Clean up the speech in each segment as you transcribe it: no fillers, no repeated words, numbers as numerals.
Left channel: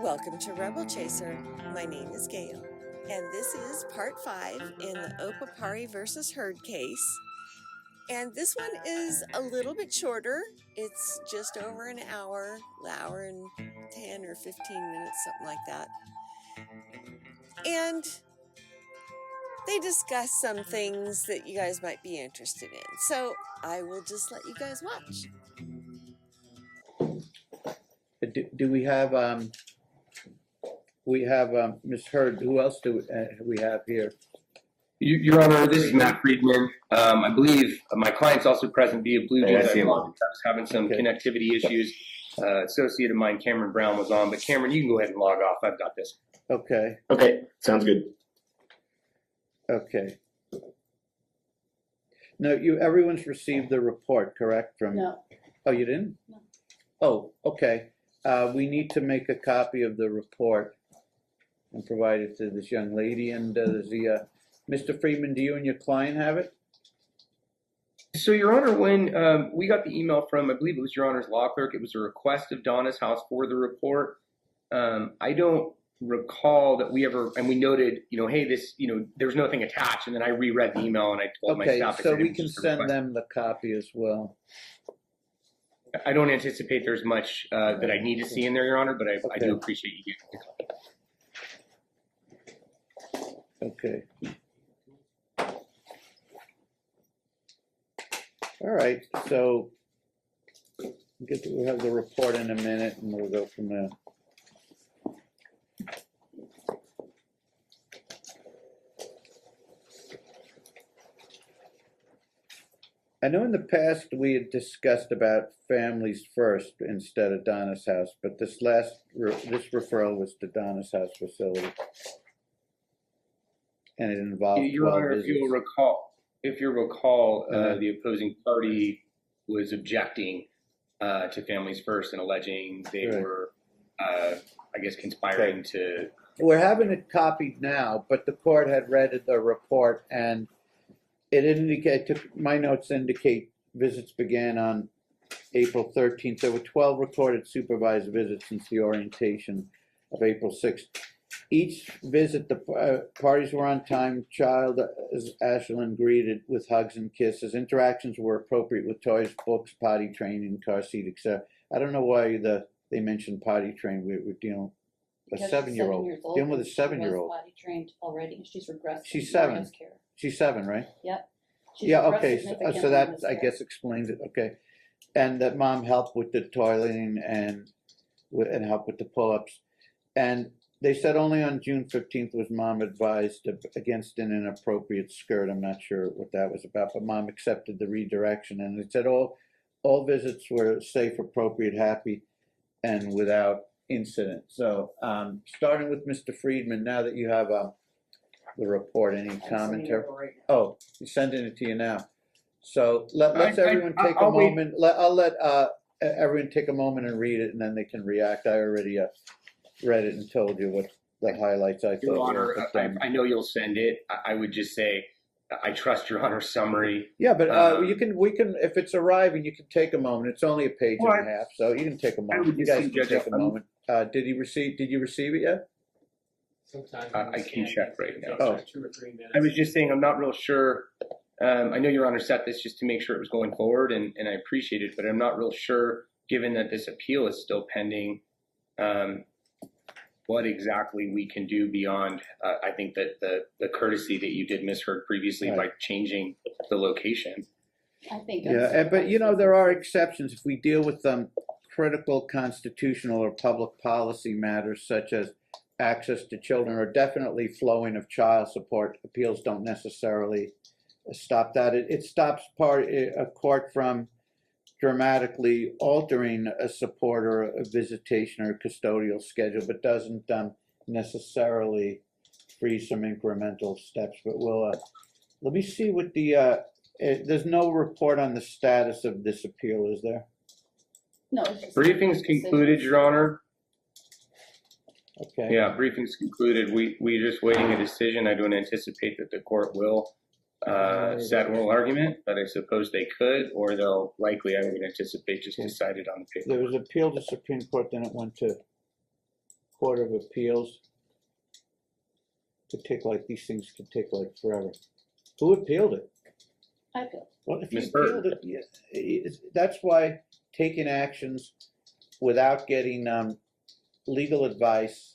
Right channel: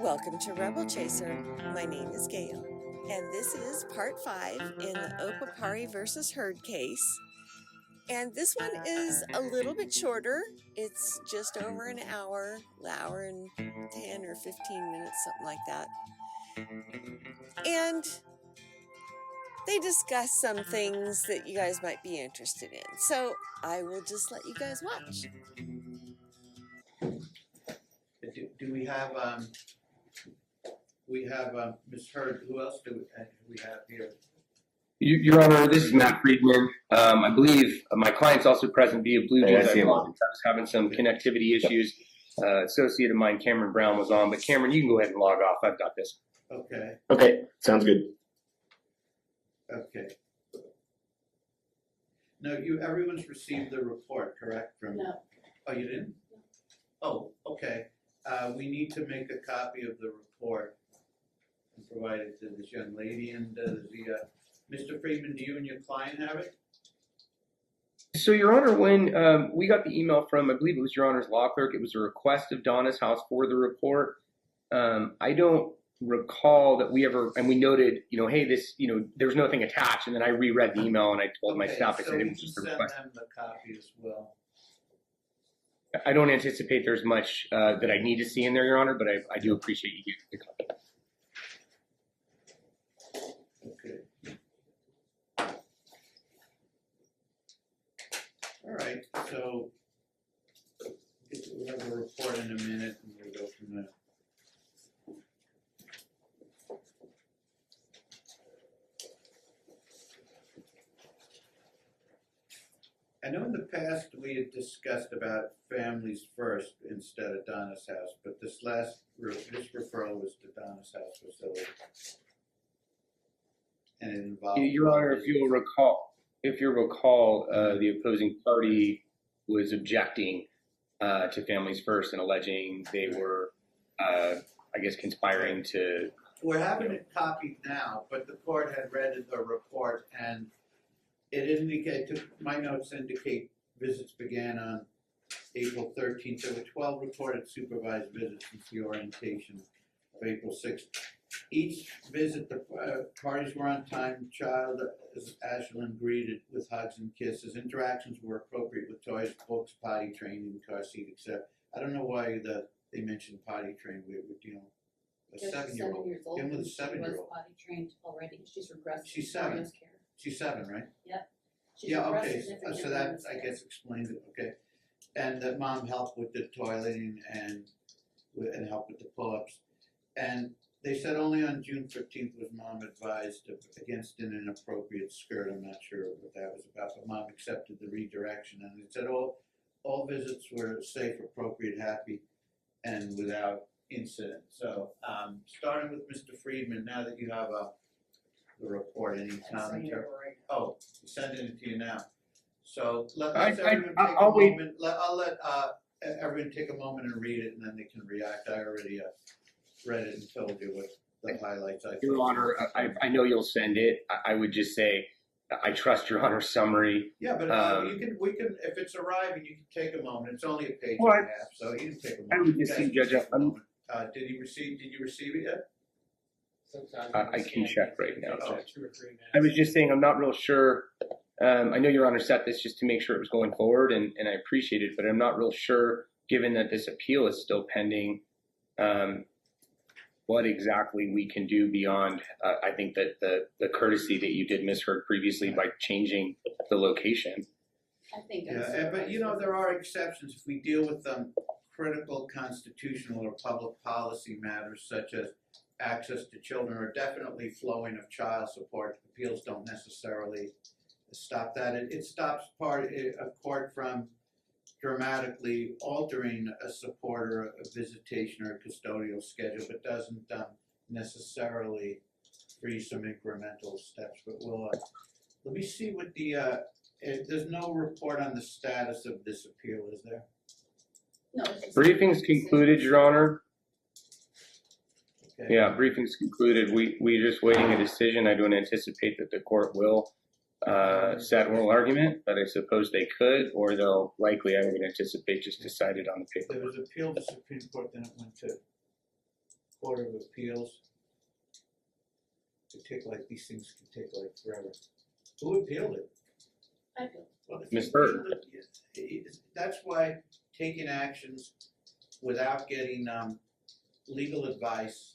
Welcome to Rebel Chaser. My name is Gail, and this is part 5 in the Opapari versus Heard case. And this one is a little bit shorter. It's just over an hour and 10 or 15 minutes, something like that. And they discuss some things that you guys might be interested in. So I will just let you guys watch. Do we have Ms. Heard? Who else do we have here? Your Honor, this is Matt Friedman. I believe my client's also present via Bluetooth. I was having some connectivity issues. Associate of mine, Cameron Brown, was on, but Cameron, you can go ahead and log off. I've got this. Okay. Okay, sounds good. Okay. No, everyone's received the report, correct? No. Oh, you didn't? No. Oh, okay. We need to make a copy of the report and provide it to this young lady. And Mr. Friedman, do you and your client have it? So, Your Honor, when we got the email from, I believe it was Your Honor's law clerk, it was a request of Donna's house for the report. I don't recall that we ever, and we noted, hey, this, there's nothing attached. And then I reread the email and I told my staff. So we can send them the copy as well. I don't anticipate there's much that I need to see in there, Your Honor, but I do appreciate you getting the copy. Okay. All right, so we'll have the report in a minute and we'll go from there. I know in the past we had discussed about families first instead of Donna's house, but this referral was to Donna's house facility. And it involved Your Honor, if you'll recall, the opposing party was objecting to families first and alleging they were, I guess, conspiring to. We're having it copied now, but the court had read the report and it indicated, my notes indicate visits began on April 13th. There were 12 recorded supervised visits since the orientation of April 6th. Each visit, the parties were on time. Child, as Ashlyn greeted with hugs and kisses. Interactions were appropriate with toys, books, potty training, car seat, etc. I don't know why they mentioned potty train. We're dealing with a 7-year-old. Dealing with a 7-year-old. Potty trained already. She's regressed. She's 7. She's 7, right? Yep. Yeah. Okay. So that I guess explains it. Okay. And that mom helped with the toileting and helped with the pull-ups. And they said only on June 15th was mom advised against an inappropriate skirt. I'm not sure what that was about, but mom accepted the redirection. And it said all visits were safe, appropriate, happy, and without incident. So starting with Mr. Friedman, now that you have the report, any commentary? Oh, he's sending it to you now. So let's everyone take a moment. I'll let everyone take a moment and read it, and then they can react. I already read it and told you what the highlights I thought. Your Honor, I know you'll send it. I would just say I trust Your Honor's summary. Yeah, but we can if it's arriving, you can take a moment. It's only a page and a half, so you can take a moment. You guys can take a moment. Did you receive it yet? I can check right now. Oh. 2 or 3 minutes. I was just saying I'm not real sure. I know Your Honor set this just to make sure it was going forward, and I appreciate it, but I'm not real sure, given that this appeal is still pending, what exactly we can do beyond, I think that the courtesy that you did misheard previously by changing the location. I think. But there are exceptions if we deal with critical constitutional or public policy matters such as access to children or definitely flowing of child support. Appeals don't necessarily stop that. It stops a court from dramatically altering a support or a visitation or a custodial schedule, but doesn't necessarily freeze some incremental steps. But we'll let me see what there's no report on the status of this appeal, is there? No. Briefing's concluded, Your Honor. Okay. Yeah, briefing's concluded. We're just waiting a decision. I don't anticipate that the court will set oral argument, but I suppose they could, or they'll likely, I would anticipate, just decide it on the paper. There was appeal to Supreme Court, then it went to Court of Appeals could take like, these things could take like forever. Who appealed it? I feel. Well, if you Ms. Bird. appealed it, that's why taking actions without getting legal advice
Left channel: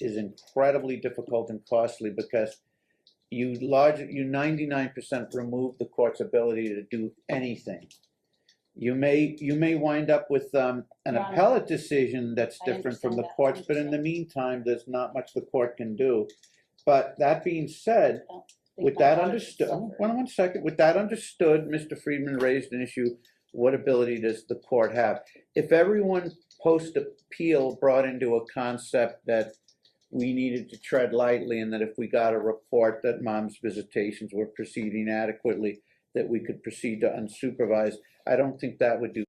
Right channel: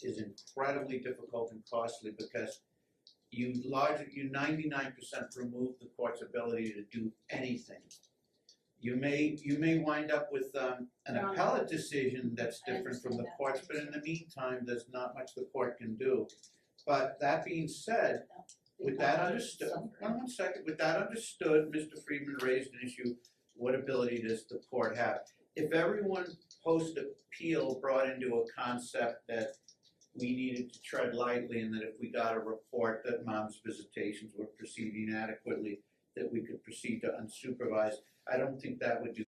is incredibly difficult and costly, because you 99% remove the court's ability to do anything. You may wind up with an appellate decision that's I different from understand the that, courts, but in the meantime, there's not much the court can do. But that being said, with that understood, one second, with that understood, Mr. Friedman raised an issue: what ability does the court have? If everyone post-appeal brought into a concept that we needed to tread lightly, and that if we got a report that mom's visitations were proceeding adequately, that we could proceed to unsupervised, I don't think that would do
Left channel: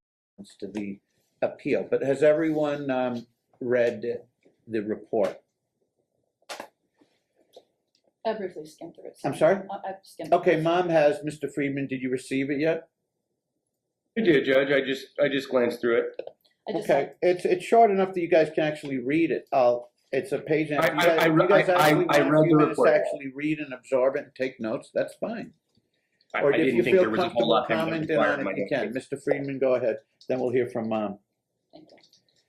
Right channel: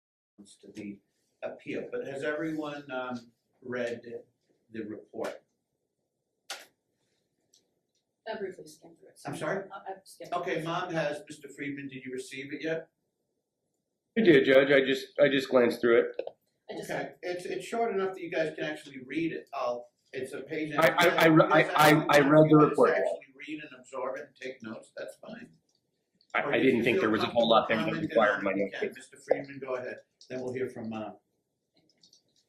to the appeal. But has everyone read the report? I briefly skimmed through it. I'm sorry? I've skimmed. Okay, Mom has. Mr. Friedman, did you receive it yet? I did, Judge. I just glanced through it. I just Okay, it's short enough that you guys can actually read it. It's a page. And I you guys actually read want a few the minutes to report. actually read and absorb it and take notes. That's fine. I Or if didn't you think feel there was a whole lot that comfortable required commenting my on it, you can. notes. Mr. Friedman, go ahead. Then we'll hear from Mom. Thank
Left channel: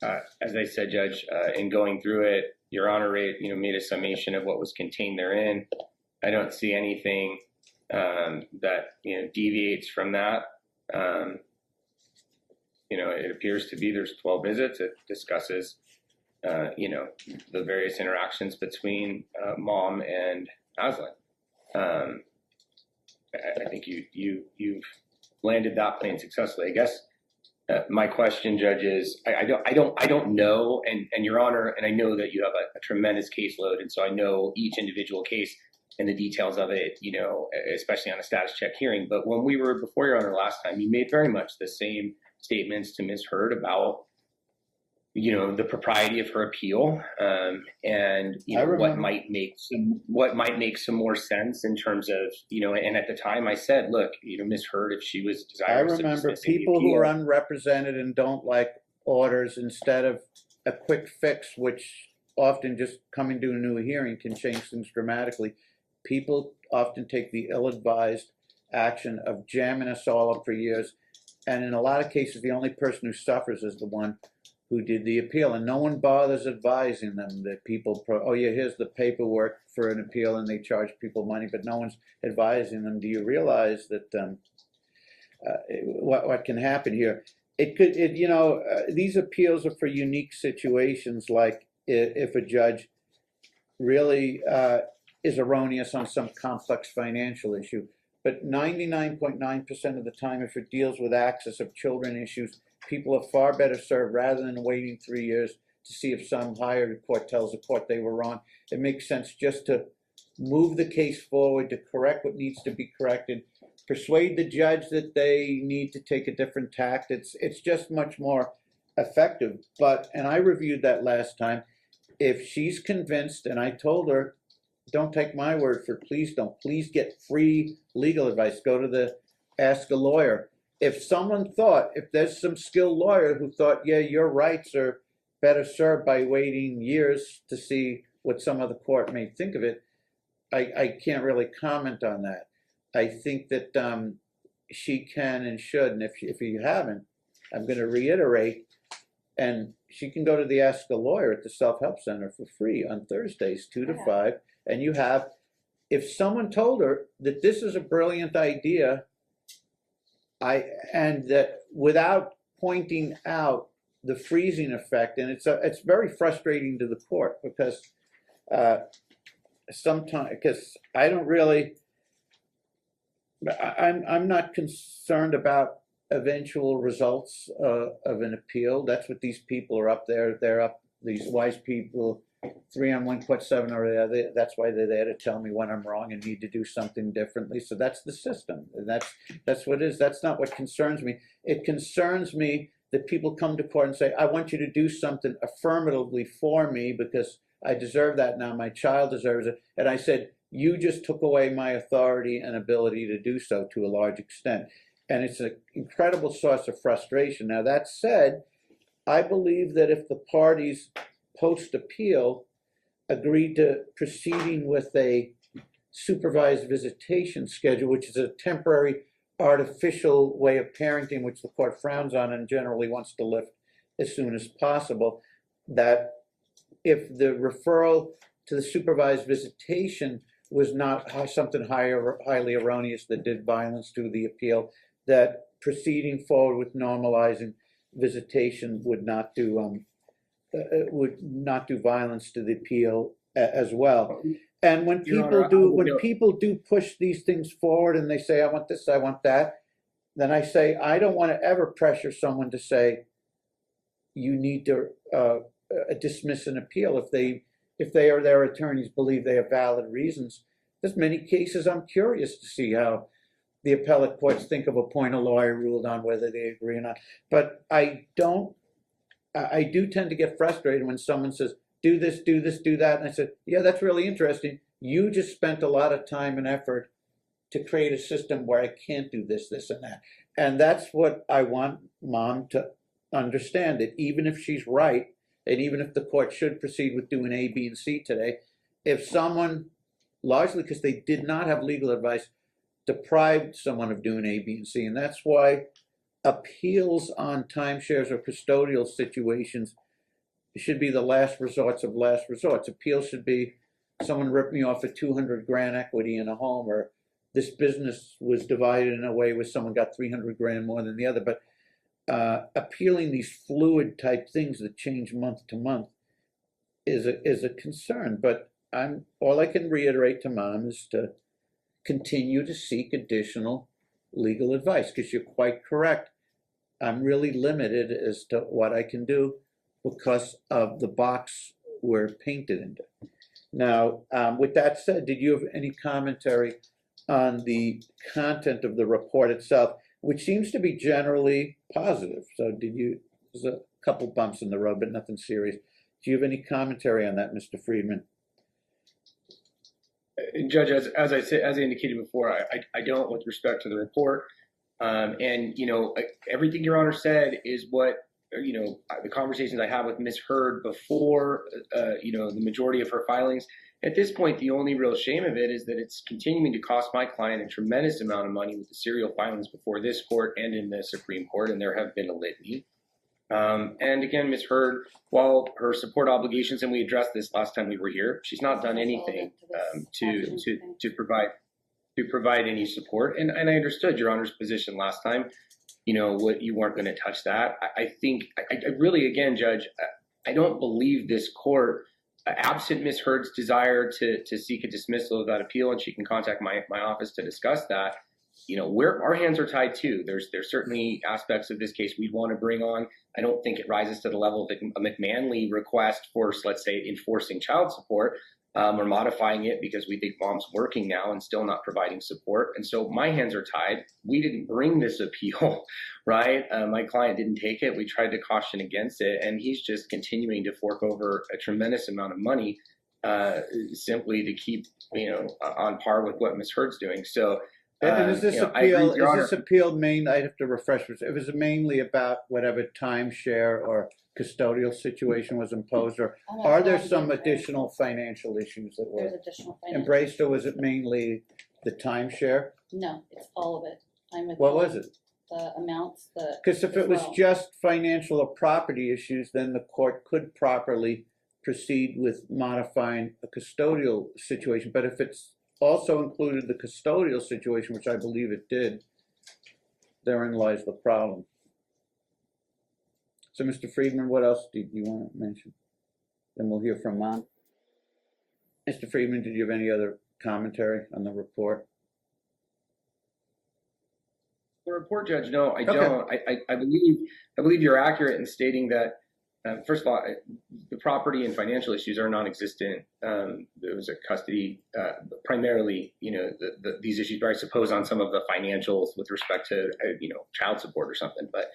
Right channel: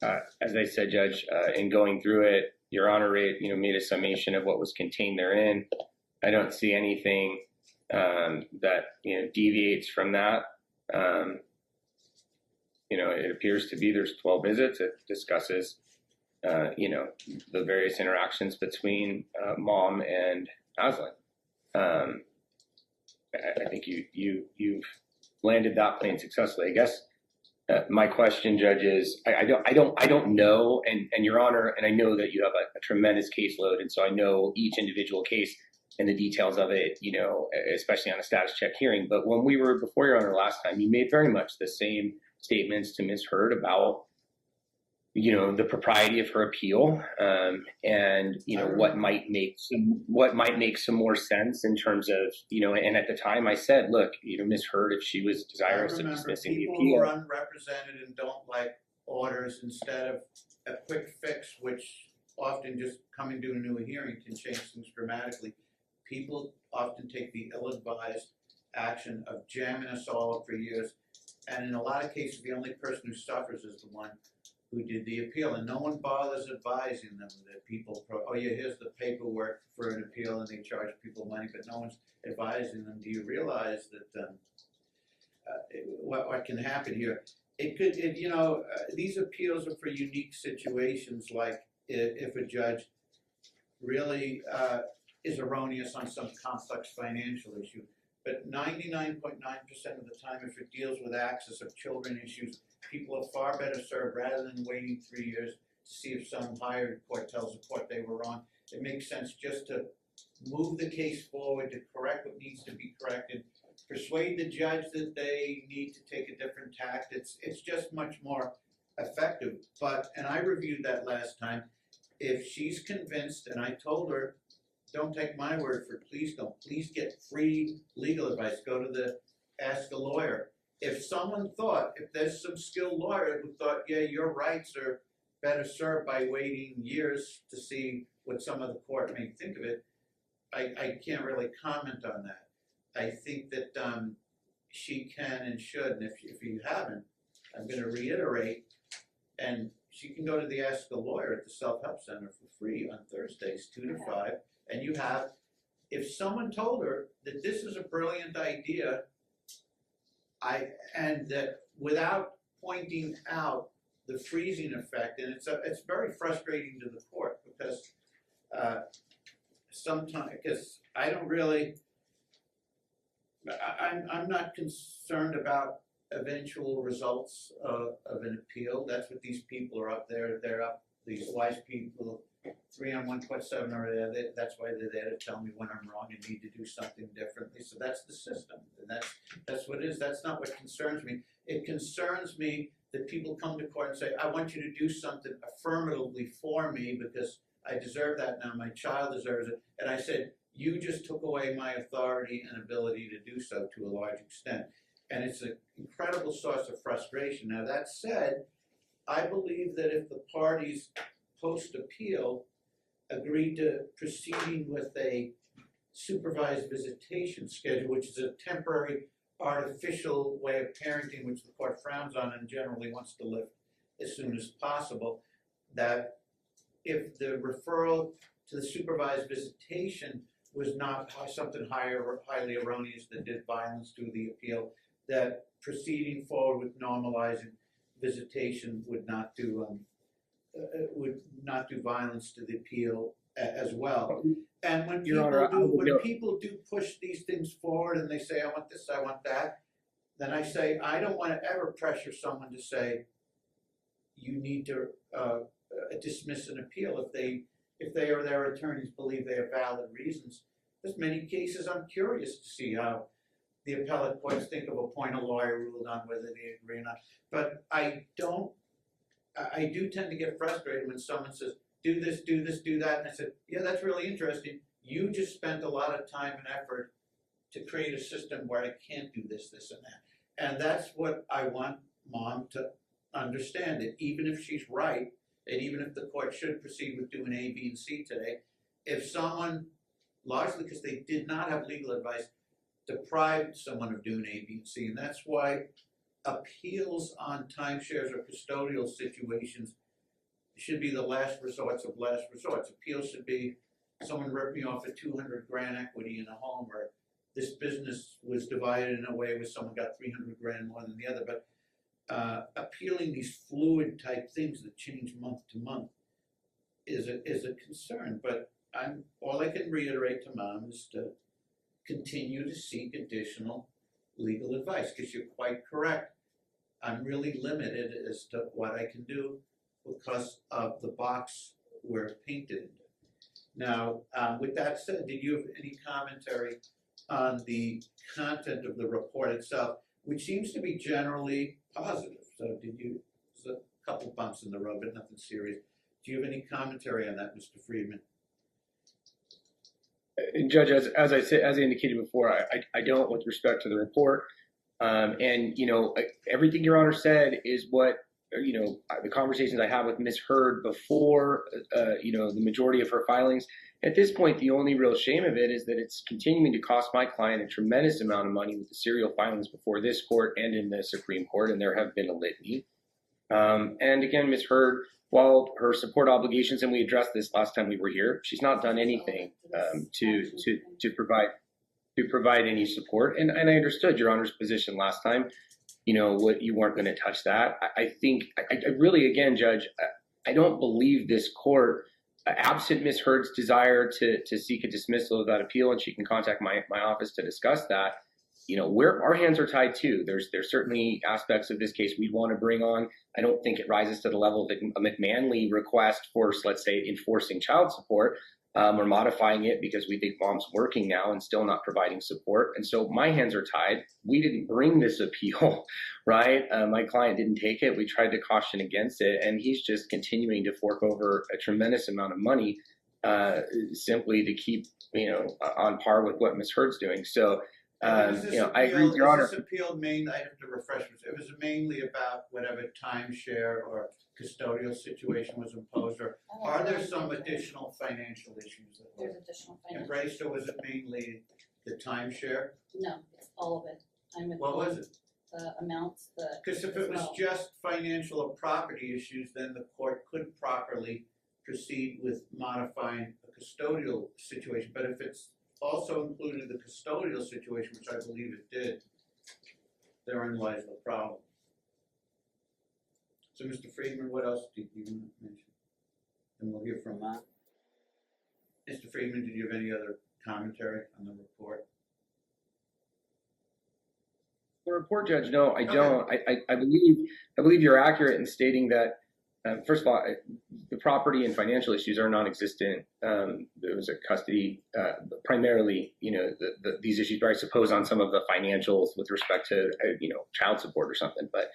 you. As I said, Judge, in going through it, Your Honor made a summation of what was contained therein. I don't see anything that deviates from that. It appears to be there's 12 visits. It discusses the various interactions between Mom and Aslan. I think you've landed that plane successfully. I guess my question, Judge, is I don't know, and Your Honor, and I know that you have a tremendous caseload, and so I know each individual case and the details of it, especially on a status check hearing. But when we were before Your Honor last time, you made very much the same statements to Ms. Hurd about the propriety of her appeal, and what might make some more sense in terms of and at the time I said, look, Ms. Hurd, if she was desirous of remember dismissing the people appeal, who are unrepresented and don't like orders, instead of a quick fix, which often just coming to a new hearing can change things dramatically. People often take the ill-advised action of jamming us all up for years, and in a lot of cases, the only person who suffers is the one who did the appeal, and no one bothers advising them that people, here's the paperwork for an appeal, and they charge people money, but no one's advising them. Do you realize that what can happen here? These appeals are for unique situations, like if a judge really is erroneous on some complex financial issue. But 99.9% of the time, if it deals with access of children issues, people are far better served rather than waiting 3 years to see if some higher court tells the court they were wrong. It makes sense just to move the case forward, to correct what needs to be corrected, persuade the judge that they need to take a different tact. It's just much more effective. And I reviewed that last time. If she's convinced, and I told her, don't take my word for it, please don't. Please get free legal advice. Go to the Ask a Lawyer. If there's some skilled lawyer who thought, yeah, your rights are better served by waiting years to see what some of the court may think of it, I can't really comment on that. I think that she can and should, and if you haven't, I'm going to reiterate, and she can go to the Ask a Lawyer at the Self-Help Center for free on Thursdays, 2 to 5, and if someone told her that this is a brilliant idea, and that without pointing out the freezing effect, and it's very frustrating to the court, because sometimes, because I don't really, I'm not concerned about eventual results of an appeal. That's what these people are up there. They're up, these wise people, 3 on 1.7 are there. That's why they're there, to tell me when I'm wrong and need to do something differently. So that's the system. And that's what it is. That's not what concerns me. It concerns me that people come to court and say, I want you to do something affirmatively for me because I deserve that now. My child deserves it. And I said, you just took away my authority and ability to do so to a large extent. And it's an incredible source of frustration. Now, that said, I believe that if the parties post-appeal, agreed to proceeding with a supervised visitation schedule, which is a temporary artificial way of parenting, which the court frowns on and generally wants to lift as soon as possible, that if the referral to the supervised visitation was not something highly erroneous that did violence to the appeal, that proceeding forward with normalizing visitation would not do violence to the appeal as well. And when people do push these things forward and they say, I want this, I want that, then I say, I don't want to ever pressure someone to say, you need to dismiss an appeal if they or their attorneys believe they have valid reasons. There's many cases I'm curious to see how the appellate courts think of a point a lawyer ruled on, whether they agree or not. But I do tend to get frustrated when someone says, do this, do this, do that. And I said, yeah, that's really interesting. You just spent a lot of time and effort to create a system where I can't do this, this, and that. And that's what I want Mom to understand, that even if she's right, and even if the court should proceed with doing A, B, and C today, if someone, largely because they did not have legal advice, deprived someone of doing A, B, and C, and that's why appeals on timeshares or custodial situations should be the last resorts of last resorts. Appeals should be, someone ripped me off for 200 grand equity in a home, or this business was divided in a way where someone got 300 grand more than the other. But appealing these fluid type things that change month to month is a concern. But all I can reiterate to Mom is to continue to seek additional legal advice, because you're quite correct. I'm really limited as to what I can do because of the box we're painted into. Now, with that said, did you have any commentary on the content of the report itself, which seems to be generally positive? So there's a couple bumps in the road, but nothing serious. Do you have any commentary on that, Mr. Friedman? Judge, as I indicated before, I don't with respect to the report. And, everything Your Honor said is what, the conversations I had with Ms. Hurd before, the majority of her filings. At this point, the only real shame of it is that it's continuing to cost my client a tremendous amount of money with the serial filings before this court and in the Supreme Court, and there have been a litany. And again, Ms. Hurd, while her support obligations, and we addressed this last time we were here, she's not done anything to provide any support. And I understood Your Honor's position last time. What you weren't going to touch that. I think I really, again, Judge, I don't believe this court, absent Ms. Hurd's desire to seek a dismissal of that appeal, and she can contact my office to discuss that. Our hands are tied too. There's certainly aspects of this case we'd want to bring on. I don't think it rises to the level of a McManley request for, let's say, enforcing child support. We're modifying it because we think Mom's working now and still not providing support. And so my hands are tied. We didn't bring this appeal, right? My client didn't take it. We tried to caution against it. And he's just continuing to fork over a tremendous amount of money simply to keep, on par with what Ms. Hurd's doing. So, I agree with Your Honor. Is this appeal I have to refresh it. It was mainly about whatever timeshare or custodial situation was imposed, or are there some additional financial issues that were embraced, or was it mainly the timeshare? No, it's all of it. What was it? The amounts, because if it was just financial or property issues, then the court could properly proceed with modifying a custodial situation. But if it's also included the custodial situation, which I believe it did, therein lies the problem. So, Mr. Friedman, what else did you want to mention? Then we'll hear from Mom. Mr. Friedman, did you have any other commentary on the report? The report, Judge, no, I don't. I believe you're accurate in stating that, first of all, the property and financial issues are non-existent. There was a custody, primarily, these issues, but I suppose on some of the financials with respect to, child support or something. But,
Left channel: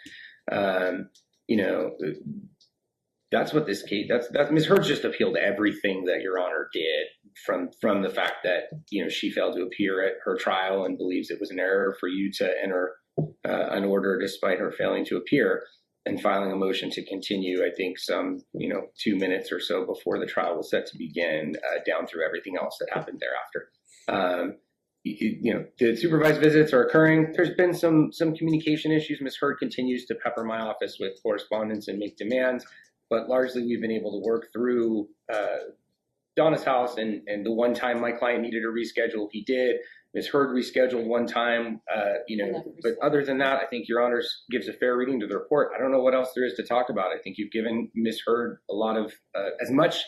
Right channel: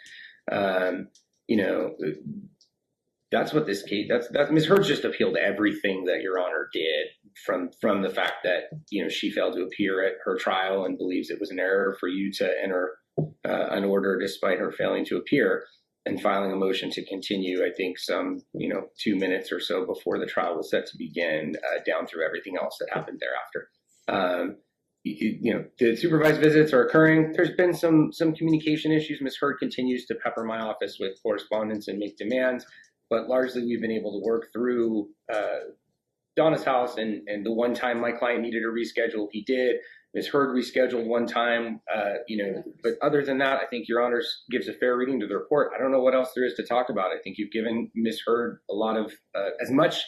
that's what this case, that's Ms. Hurd's just appealed everything that Your Honor did from the fact that, she failed to appear at her trial and believes it was an error for you to enter an order despite her failing to appear. and filing a motion to continue, I think some, 2 minutes or so before the trial was set to begin, down through everything else that happened thereafter. The supervised visits are occurring. There's been some communication issues. Ms. Hurd continues to pepper my office with correspondence and make demands, but largely we've been able to work through Donna's house, and the one time my client needed a reschedule, he did. Ms. Hurd rescheduled one time, but other than that, I think Your Honors gives a fair reading to the report. I don't know what else there is to talk about. I think you've given Ms. Hurd a lot of, as much,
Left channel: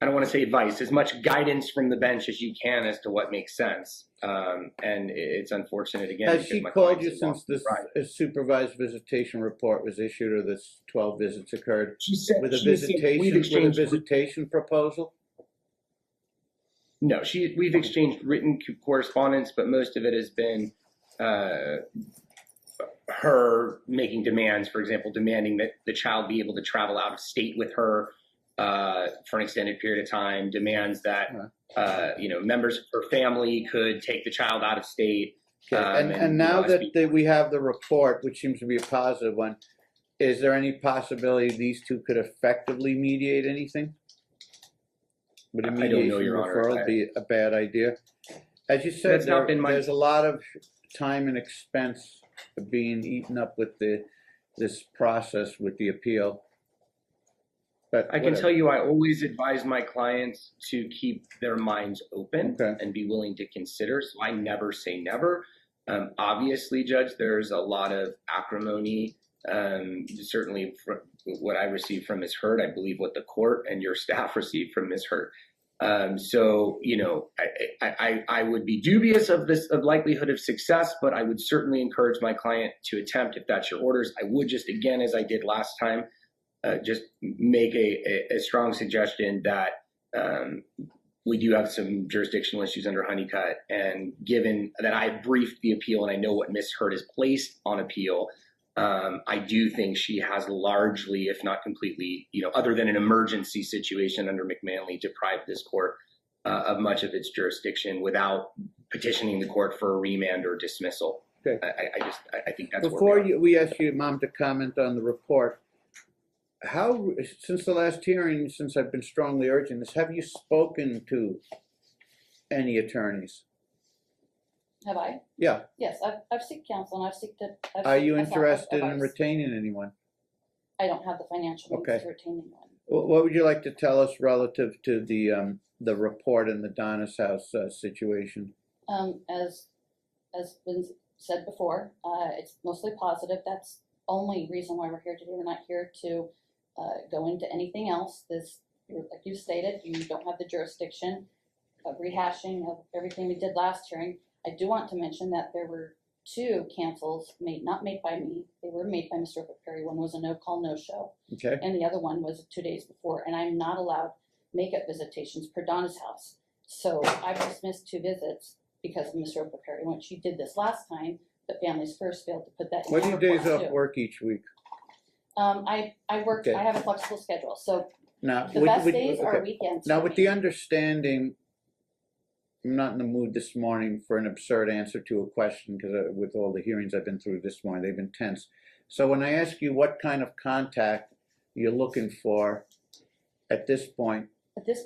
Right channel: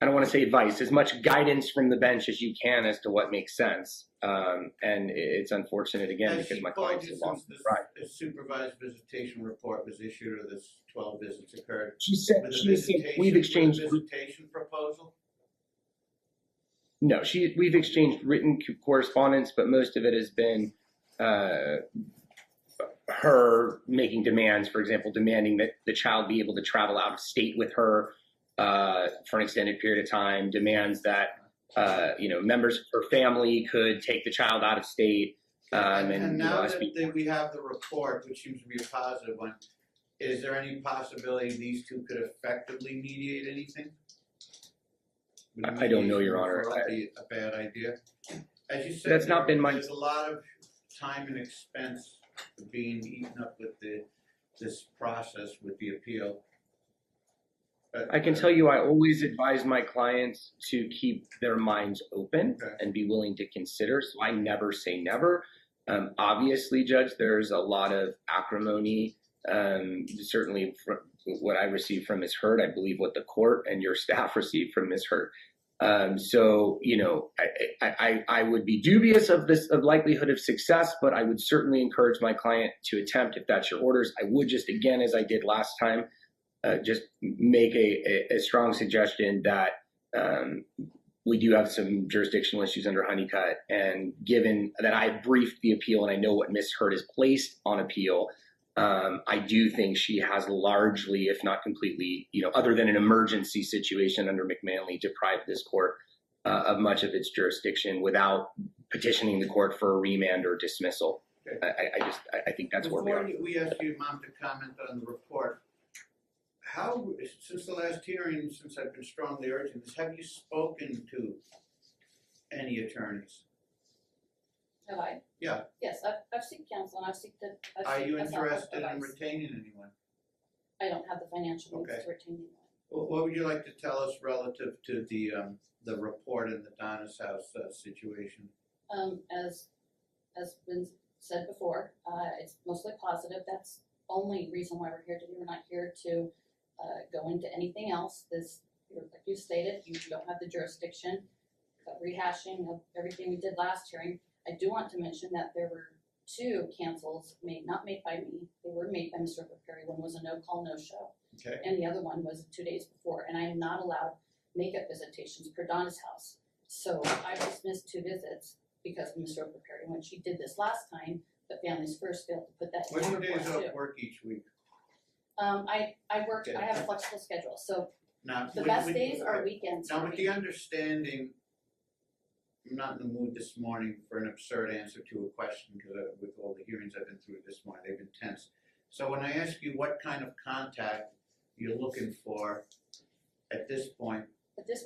I don't want to say advice, as much guidance from the bench as you can as to what makes sense. And it's unfortunate again Has because she my called client's you since this supervised visitation report was issued, or this 12 visits occurred? She said with a we've exchanged visitation proposal? No, we've exchanged written correspondence, but most of it has been her making demands. For example, demanding that the child be able to travel out of state with her for an extended period of time. Demands that members of her family could take the child out of state. And now that we have the report, which seems to be a positive one, is there any possibility these two could effectively mediate anything? Would I don't know, Your Honor. Would be a bad idea? As you said, there's a lot of time and expense being eaten up with this process with the appeal. But I can tell you, I always advise my clients to keep their minds open and be willing to consider. So I never say never. Obviously, Judge, there's a lot of acrimony. Certainly, from what I received from Ms. Hurd, I believe what the court and your staff received from Ms. Hurd. I would be dubious of likelihood of success, but I would certainly encourage my client to attempt if that's your orders. I would just, again, as I did last time, just make a strong suggestion that we do have some jurisdictional issues under Honeycutt, and given that I briefed the appeal and I know what Ms. Hurd has placed on appeal, I do think she has largely, if not completely, other than an emergency situation under McManley, deprived this court of much of its jurisdiction without petitioning the court for a remand or dismissal. Okay. I think that's before we ask you, Mom, to comment on the report. How, since the last hearing, since I've been strongly urging this, have you spoken to any attorneys? Have I? Yeah. Yes, I've sought counsel, and I've sought. Are you interested in retaining anyone? I don't have the financial means to retain anyone. What would you like to tell us relative to the report in the Donna's house situation? As been said before, it's mostly positive. That's the only reason why we're here today. We're not here to go into anything else. Like you stated, you don't have the jurisdiction of rehashing of everything we did last hearing. I do want to mention that there were 2 cancels not made by me. They were made by Mr. Perry. One was a no-call, no-show. Okay. And the other one was 2 days before. And I'm not allowed makeup visitations per Donna's house. So I've dismissed 2 visits because of Mr. Perry. When she did this last time, the Families First failed to put that in. What are your days off work each week? I work. Okay. I have a flexible schedule. So now, the best days are weekends. Now, with the understanding, I'm not in the mood this morning for an absurd answer to a question, because with all the hearings I've been through this morning, they've been tense. So when I ask you what kind of contact you're looking for at this point,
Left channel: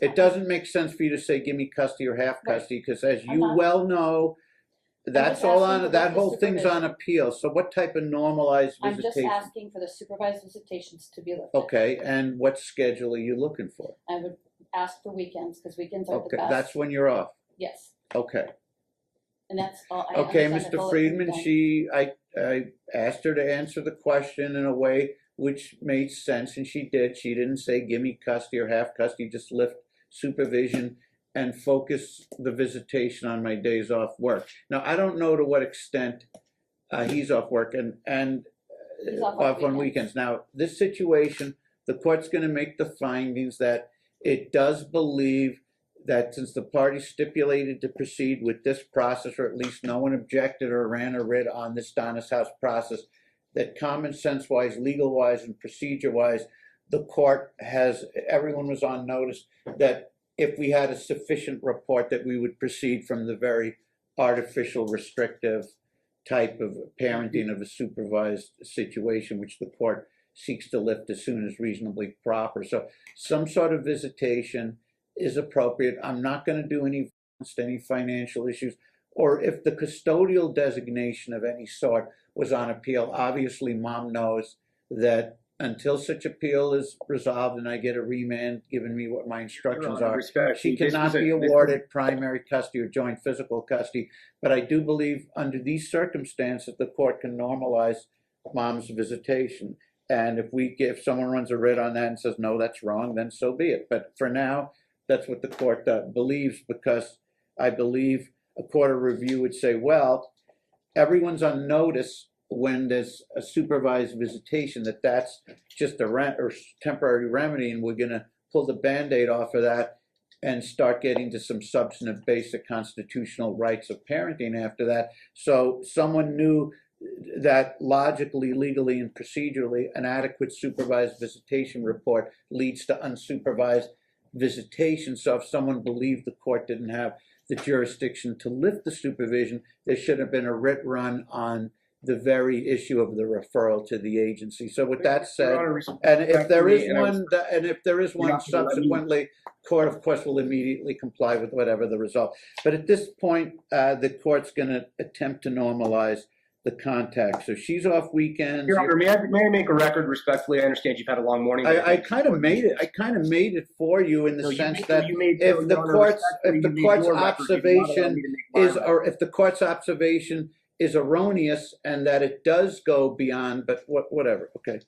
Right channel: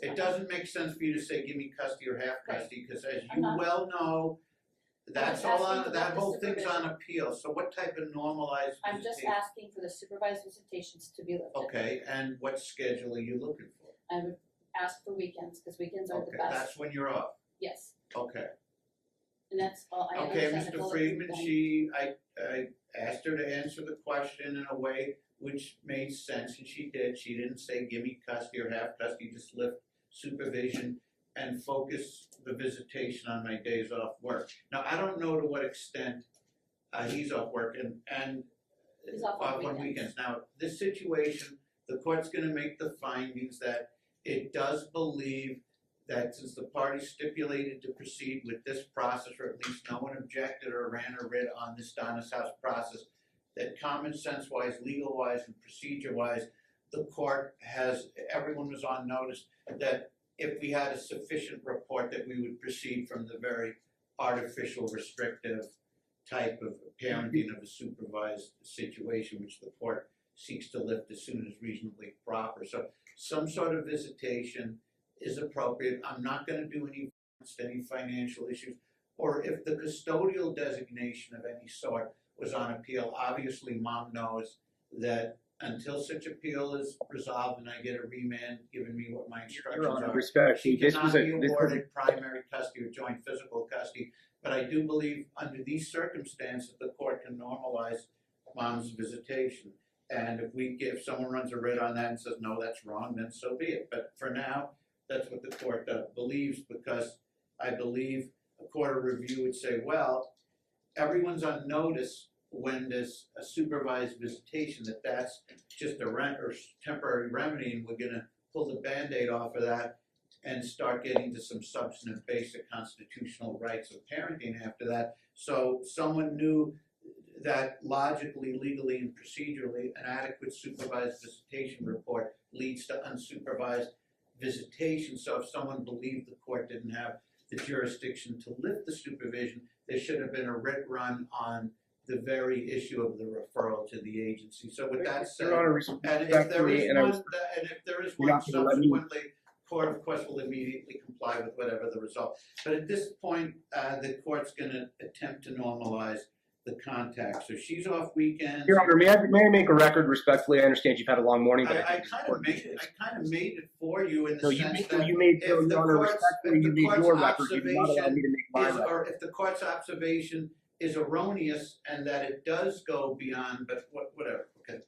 it doesn't make sense for you to say, give me custody or half custody, because as you well know, that's all on, that whole thing's on appeal. So what type of normalized visitation? I'm just asking for the supervised visitations to be lifted. Okay, and what schedule are you looking for? I would ask for weekends, because weekends are the best. That's when you're off? Yes. Okay. And that's all. Okay, Mr. Friedman, I asked her to answer the question in a way which made sense, and she did. She didn't say, give me custody or half custody, just lift supervision and focus the visitation on my days off work. Now, I don't know to what extent he's off work and he's off on weekends. Now, this situation, the court's going to make the findings that it does believe that since the parties stipulated to proceed with this process, or at least no one objected or ran a writ on this Donna's house process, that common sense-wise, legal-wise, and procedure-wise, the court everyone was on notice that if we had a sufficient report that we would proceed from the very artificial, restrictive type of parenting of a supervised situation, which the court seeks to lift as soon as reasonably proper. So some sort of visitation is appropriate. I'm not going to do any financial issues, or if the custodial designation of any sort was on appeal, obviously mom knows that until such appeal is resolved and I get a remand giving me what my instructions are, she cannot be awarded primary custody or joint physical custody. But I do believe under these circumstances, the court can normalize mom's visitation. And if someone runs a writ on that and says, no, that's wrong, then so be it. But for now, that's what the court believes, because I believe a court of review would say, well, everyone's on notice when there's a supervised visitation that's just a temporary remedy, and we're going to pull the Band-Aid off of that and start getting to some substantive basic constitutional rights of parenting after that. So someone knew that logically, legally, and procedurally, an adequate supervised visitation report leads to unsupervised visitation. So if someone believed the court didn't have the jurisdiction to lift the supervision, there should have been a writ run on the very issue of the referral to the agency. So with that said, and if there is one subsequently, court of course will immediately comply with whatever the result. But at this point, the court's going to attempt to normalize the contact. So she's off weekends. Your Honor, may I make a record respectfully? I understand you've had a long morning. I kind of made it. I kind of made it for you in the sense that if the court's observation is erroneous and that it does go beyond, but whatever. Okay.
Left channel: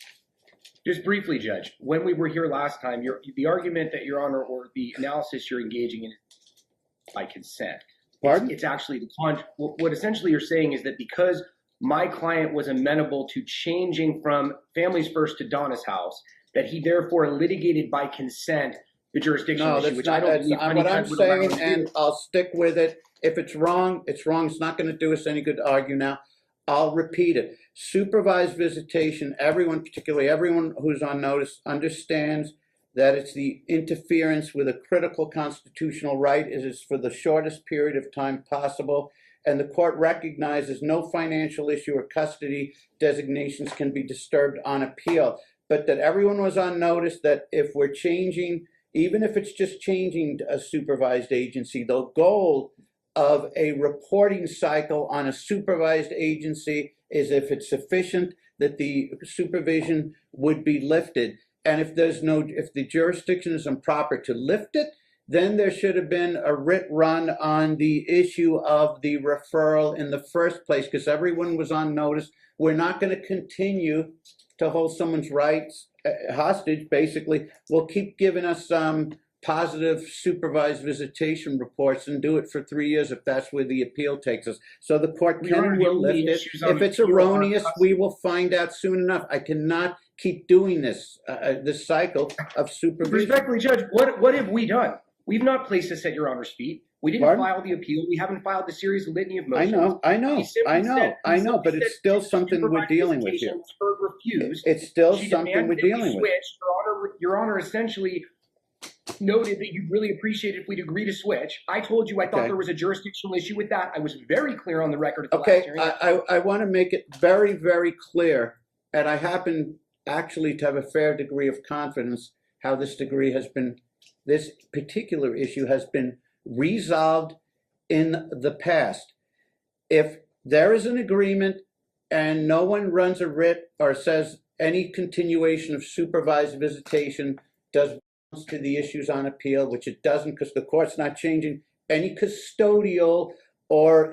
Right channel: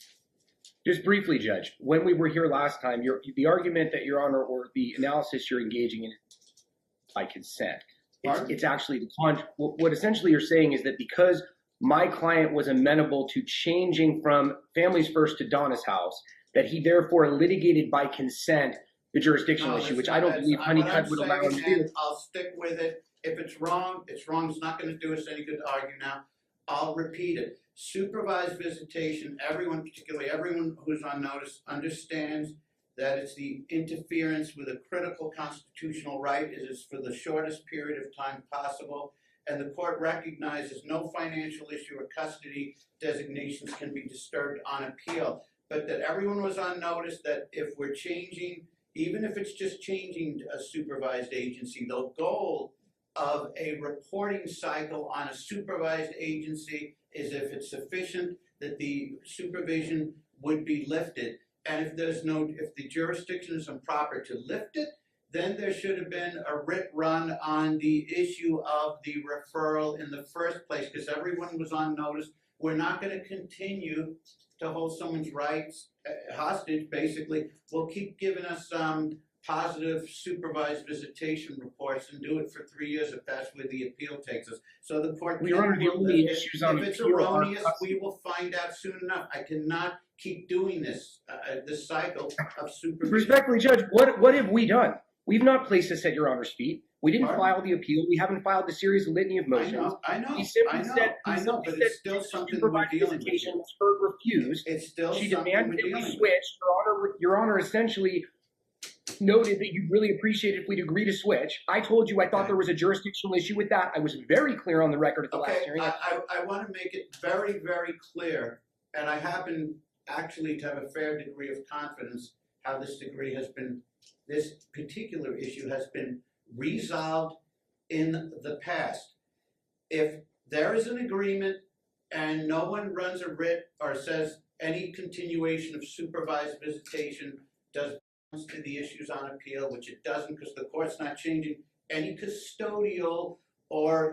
Just briefly, Judge, when we were here last time, the argument that Your Honor, or the analysis you're engaging in by consent, it's actually what essentially you're saying is that because my client was amenable to changing from Families First to Donna's house, that he therefore litigated by consent the jurisdictional issue, which I don't believe Honeycutt would allow him to do. And I'll stick with it. If it's wrong, it's wrong. It's not going to do us any good to argue now. I'll repeat it. Supervised visitation, everyone, particularly everyone who's on notice, understands that it's the interference with a critical constitutional right. It is for the shortest period of time possible. And the court recognizes no financial issue or custody designations can be disturbed on appeal. But that everyone was on notice that if we're changing, even if it's just changing a supervised agency, the goal of a reporting cycle on a supervised agency is if it's sufficient that the supervision would be lifted. And if the jurisdiction is improper to lift it, then there should have been a writ run on the issue of the referral in the first place, because everyone was on notice. We're not going to continue to hold someone's rights hostage, basically. We'll keep giving us positive supervised visitation reports and do it for 3 years if that's where the appeal takes us. So the court will lift it. If it's erroneous, we will find out soon enough. I cannot keep doing this cycle of supervision. Respectfully, Judge, what have we done? We've not placed this at Your Honor's feet. We didn't file the appeal. We haven't filed the series of litany of motions. I know, but it's still something we're dealing with here. Refused. It's still something we're dealing with. Your Honor essentially noted that you'd really appreciate it if we'd agree to switch. I told you I thought there was a jurisdictional issue with that. I was very clear on the record at the last hearing. I want to make it very, very clear, and I happen actually to have a fair degree of confidence how this particular issue has been resolved in the past. If there is an agreement and no one runs a writ or says any continuation of supervised visitation does to the issues on appeal, which it doesn't because the court's not changing any custodial or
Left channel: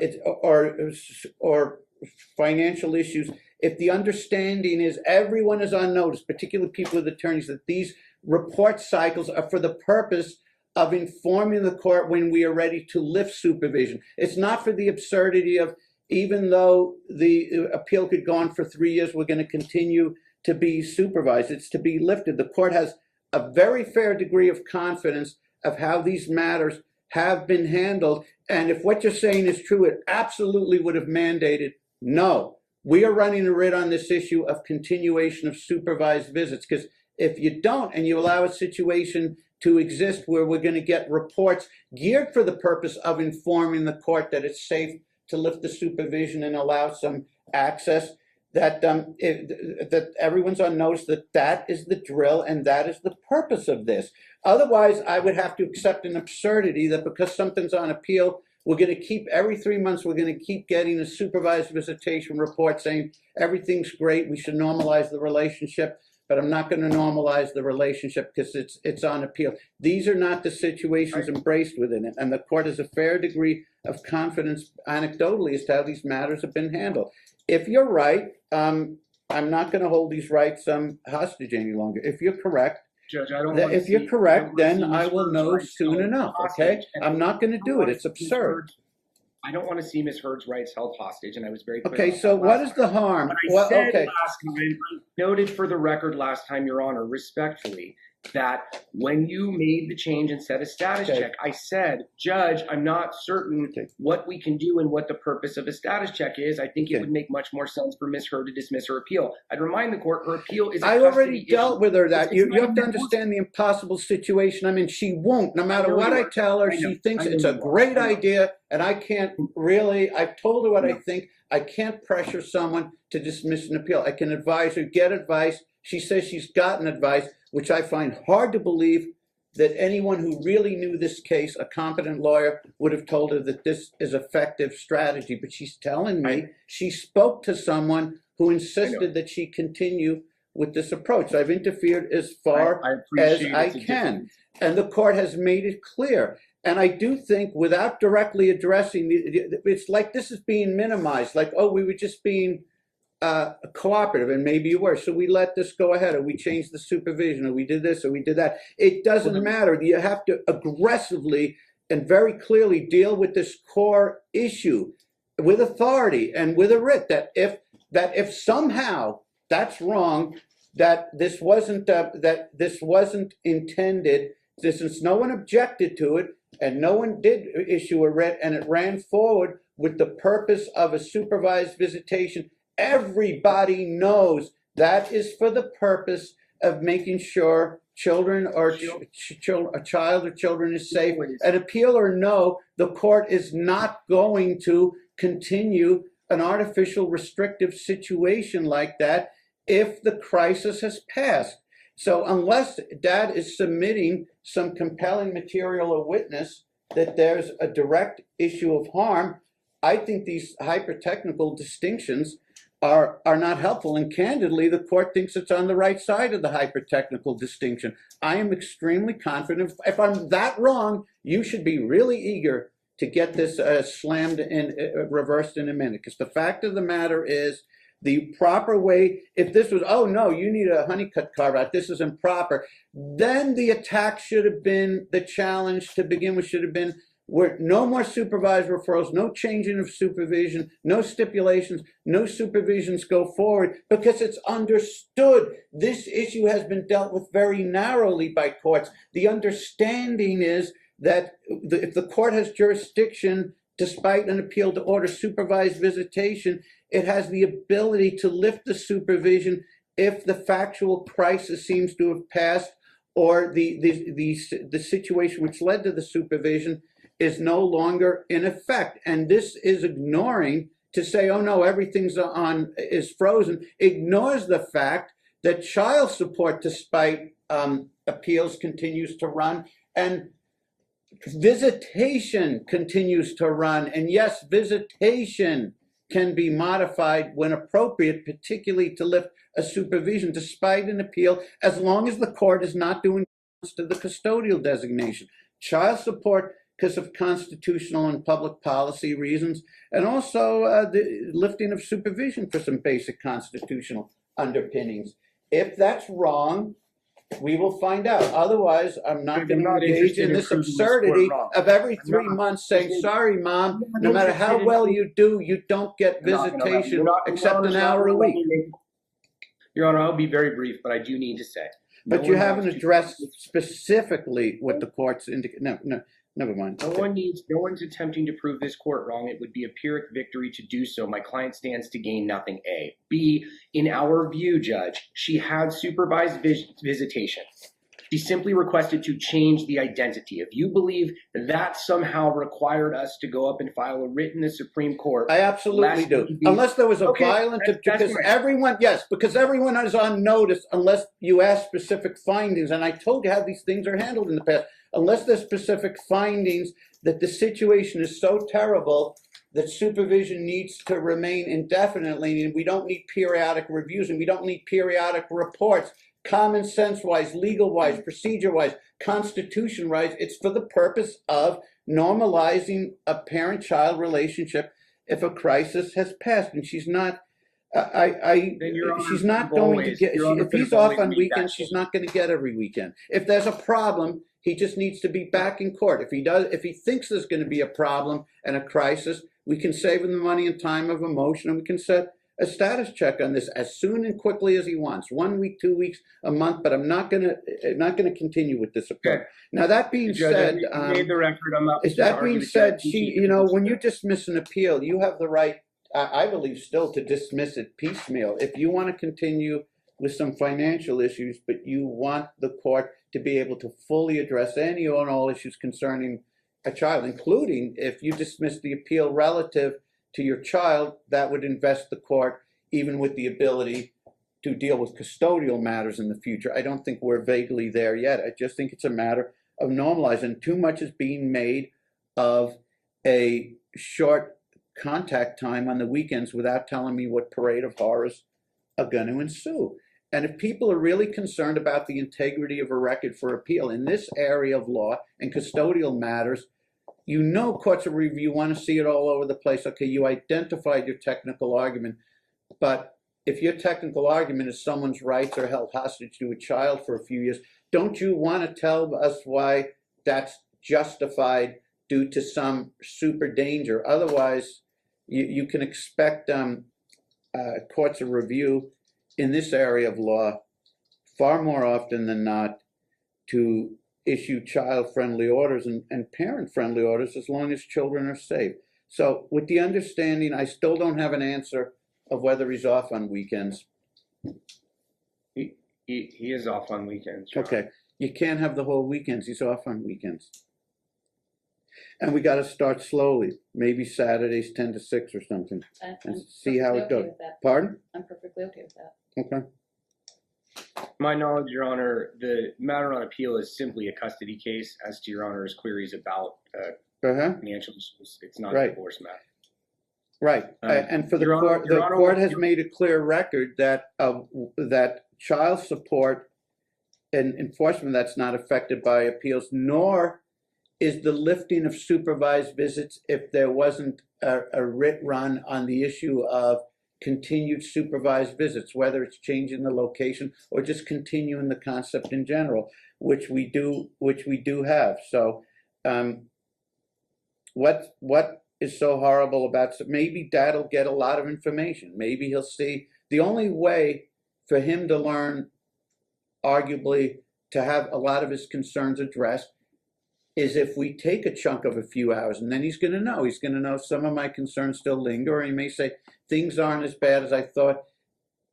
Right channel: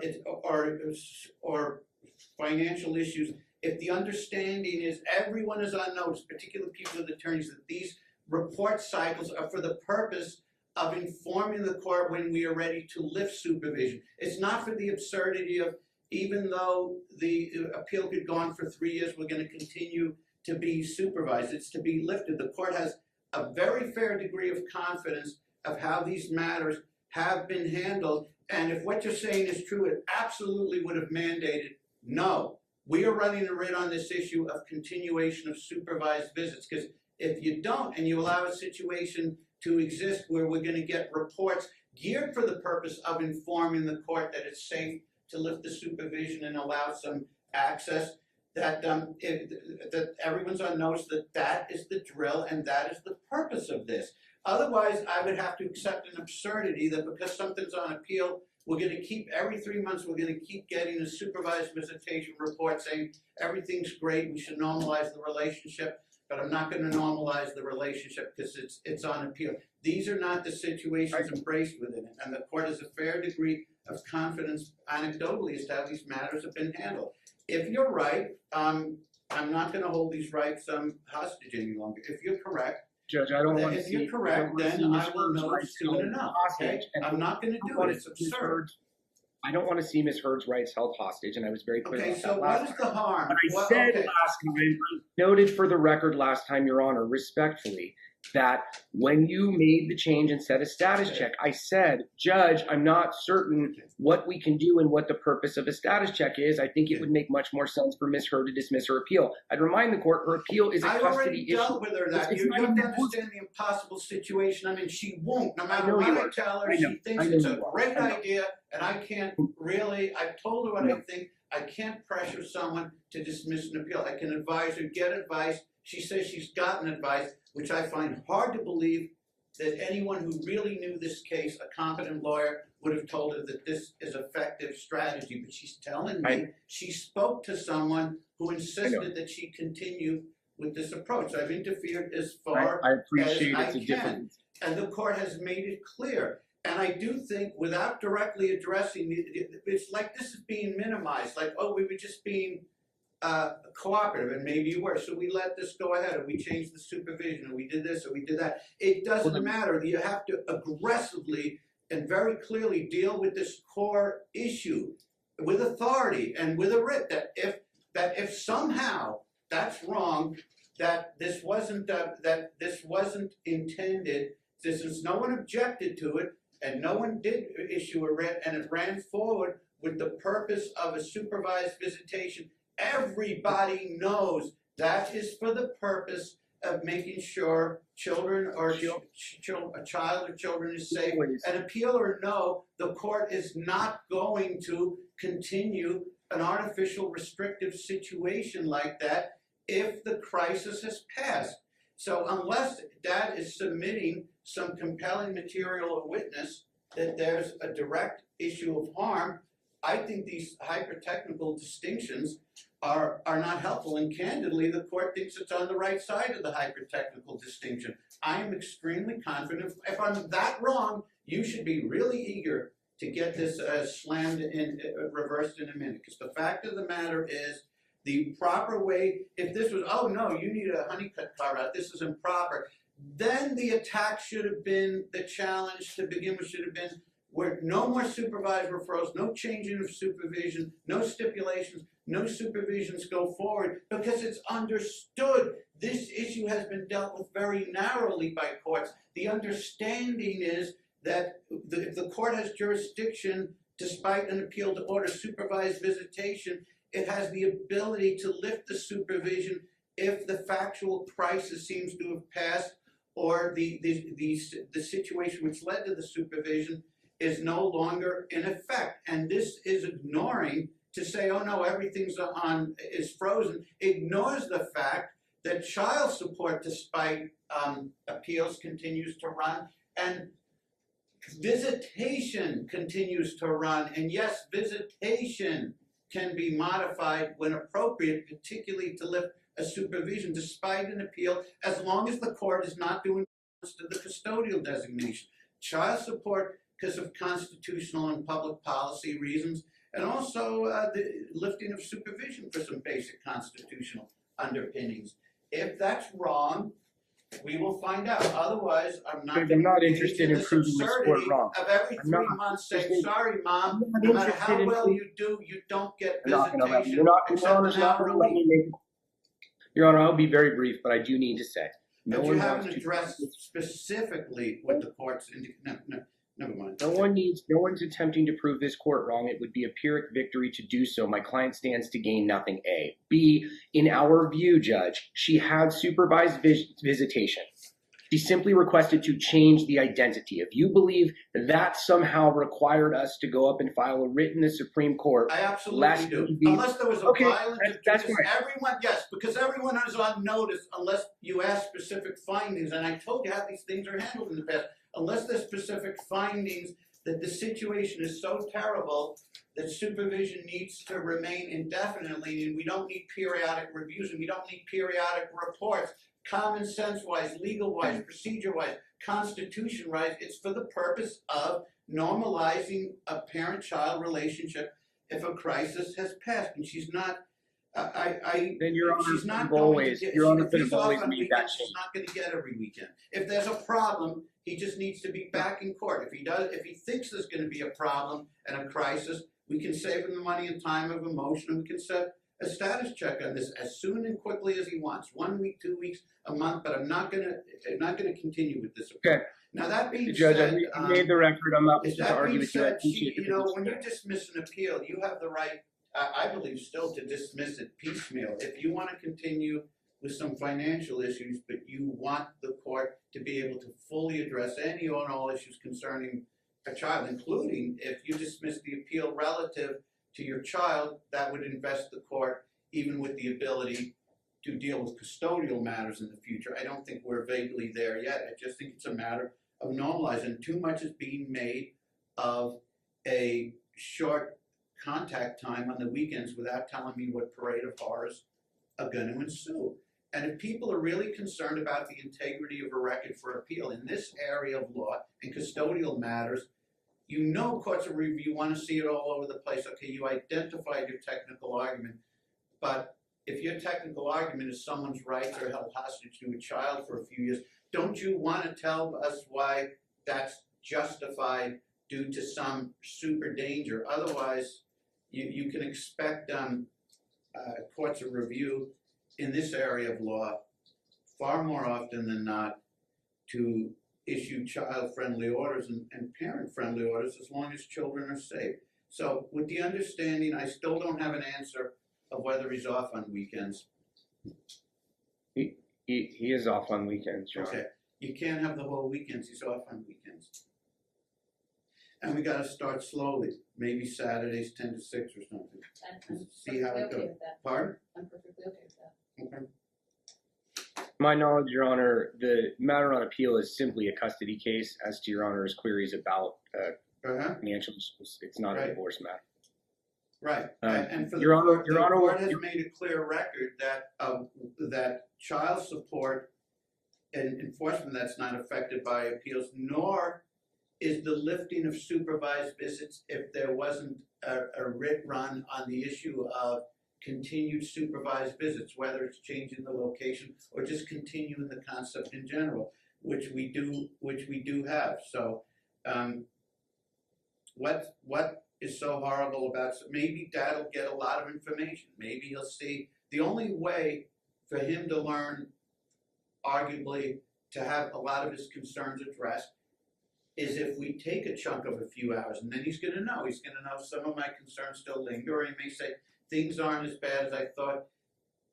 financial issues. If the understanding is everyone is on notice, particularly people with attorneys, that these report cycles are for the purpose of informing the court when we are ready to lift supervision. It's not for the absurdity of, even though the appeal could go on for 3 years, we're going to continue to be supervised. It's to be lifted. The court has a very fair degree of confidence of how these matters have been handled. And if what you're saying is true, it absolutely would have mandated, no, we are running a writ on this issue of continuation of supervised visits. Because if you don't, and you allow a situation to exist where we're going to get reports geared for the purpose of informing the court that it's safe to lift the supervision and allow some access, that that everyone's on notice that that is the drill and that is the purpose of this. Otherwise, I would have to accept an absurdity that because something's on appeal, we're going to keep every 3 months, we're going to keep getting a supervised visitation report saying everything's great, we should normalize the relationship, but I'm not going to normalize the relationship because it's on appeal. These are not the situations embraced within it, and the court has a fair degree of confidence anecdotally as to how these matters have been handled. If you're right, I'm not going to hold these rights hostage any longer. If you're correct, Judge, I don't want to if you're correct, then I will know soon enough, okay? I'm not going to do it. It's absurd. I don't want to see Ms. Heard's rights held hostage, and I was very clear. Okay, so what is the harm? What I said last time, I noted for the record last time, Your Honor, respectfully, that when you made the change and set a status check, I said, Judge, I'm not certain what we can do and what the purpose of a status check is. I think it would make much more sense for Ms. Heard to dismiss her appeal. I'd remind the court her appeal is a custody issue. I already dealt with her that. You have to understand the impossible situation. I mean, she won't. No matter what I tell her, she thinks it's a great idea, and I can't really, I've told her what I think. I can't pressure someone to dismiss an appeal. I can advise her, get advice. She says she's gotten advice, which I find hard to believe that anyone who really knew this case, a competent lawyer, would have told her that this is effective strategy. But she's telling me she spoke to someone who insisted that she continue with this approach. I've interfered as far as I can. And the court has made it clear. And I do think without directly addressing, it's like this is being minimized, like, oh, we were just being cooperative, and maybe you were. So we let this go ahead, or we changed the supervision, or we did this, or we did that. It doesn't matter. You have to aggressively and very clearly deal with this core issue with authority and with a writ that if somehow that's wrong, that this wasn't intended, since no one objected to it and no one did issue a writ and it ran forward with the purpose of a supervised visitation. Everybody knows that is for the purpose of making sure children or a child or children is safe. An appeal or no, the court is not going to continue an artificial restrictive situation like that if the crisis has passed. So unless Dad is submitting some compelling material or witness that there's a direct issue of harm, I think these hyper-technical distinctions are not helpful. And candidly, the court thinks it's on the right side of the hyper-technical distinction. I am extremely confident. If I'm that wrong, you should be really eager to get this slammed in, reversed in a minute. Because the fact of the matter is, the proper way, if this was, oh no, you need a honeycut carve out, this is improper, then the attack should have been, the challenge to begin with should have been, where no more supervised referrals, no changing of supervision, no stipulations, no supervisions go forward, because it's understood this issue has been dealt with very narrowly by courts. The understanding is that if the court has jurisdiction, despite an appeal to order supervised visitation, it has the ability to lift the supervision if the factual crisis seems to have passed, or the situation which led to the supervision is no longer in effect. And this is ignoring, to say, oh no, everything's is frozen, ignores the fact that child support, despite appeals, continues to run, and visitation continues to run. And yes, visitation can be modified when appropriate, particularly to lift a supervision despite an appeal, as long as the court is not doing to the custodial designation. Child support, because of constitutional and public policy reasons, and also the lifting of supervision for some basic constitutional underpinnings. If that's wrong, we will find out. Otherwise, I'm not going to engage in this absurdity of every 3 months saying, sorry, Mom, no matter how well you do, you don't get visitation except an hour a week. Your Honor, I'll be very brief, but I do need to say. But you haven't addressed specifically what the court's indicated. No, never mind. No one's attempting to prove this court wrong. It would be a Pyrrhic victory to do so. My client stands to gain nothing, A. B, in our view, Judge, she had supervised visitation. She simply requested to change the identity. If you believe that somehow required us to go up and file a writ in the Supreme Court, I absolutely do. Unless there was a violent, that's because fine. everyone, yes, because everyone is on notice unless you ask specific findings. And I told you how these things are handled in the past. Unless there's specific findings that the situation is so terrible that supervision needs to remain indefinitely, and we don't need periodic reviews, and we don't need periodic reports, common sense wise, legal wise, procedure wise, constitution wise. It's for the purpose of normalizing a parent-child relationship if a crisis has passed. And she's not, she's not going to get, if he's off on weekends, she's not going to get every weekend. If there's a problem, he just needs to be back in court. If he thinks there's going to be a problem and a crisis, we can save him the money and time of emotion, and we can set a status check on this as soon and quickly as he wants. 1 week, 2 weeks, a month, but I'm not gonna continue with this approach. Okay. Now that being Judge, said, you made the record. I'm not just that arguing being said, with when you dismiss an appeal, you have the right, I believe, still to dismiss it piecemeal. If you want to continue with some financial issues, but you want the court to be able to fully address any and all issues concerning a child, including if you dismiss the appeal relative to your child, that would invest the court even with the ability to deal with custodial matters in the future. I don't think we're vaguely there yet. I just think it's a matter of normalizing. Too much is being made of a short contact time on the weekends without telling me what parade of horrors are going to ensue. And if people are really concerned about the integrity of a record for appeal in this area of law and custodial matters, you know courts of review want to see it all over the place. Okay, you identified your technical argument, but if your technical argument is someone's rights are held hostage to a child for a few years, don't you want to tell us why that's justified due to some super danger? Otherwise, you can expect courts of review in this area of law far more often than not to issue child-friendly orders and parent-friendly orders as long as children are safe. So with the understanding, I still don't have an answer of whether he's off on weekends. He is off on weekends. John. Okay, you can't have the whole weekends. He's off on weekends. And we got to start slowly. Maybe Saturdays 10 to 6 or something. And see how it goes. Pardon? I'm perfectly okay with that. Okay. My knowledge, Your Honor, the matter on appeal is simply a custody case. As to Your Honor's queries about financial issues, it's not a divorce matter. Right, and for the court has made a clear record that that child support and enforcement that's not affected by appeals, nor is the lifting of supervised visits if there wasn't a writ run on the issue of continued supervised visits, whether it's changing the location or just continuing the concept in general, which we do have. So, what is so horrible about? Maybe Dad will get a lot of information. Maybe he'll see. The only way for him to learn, arguably, to have a lot of his concerns addressed, is if we take a chunk of a few hours, and then he's going to know. He's going to know some of my concerns still linger, or he may say things aren't as bad as I thought.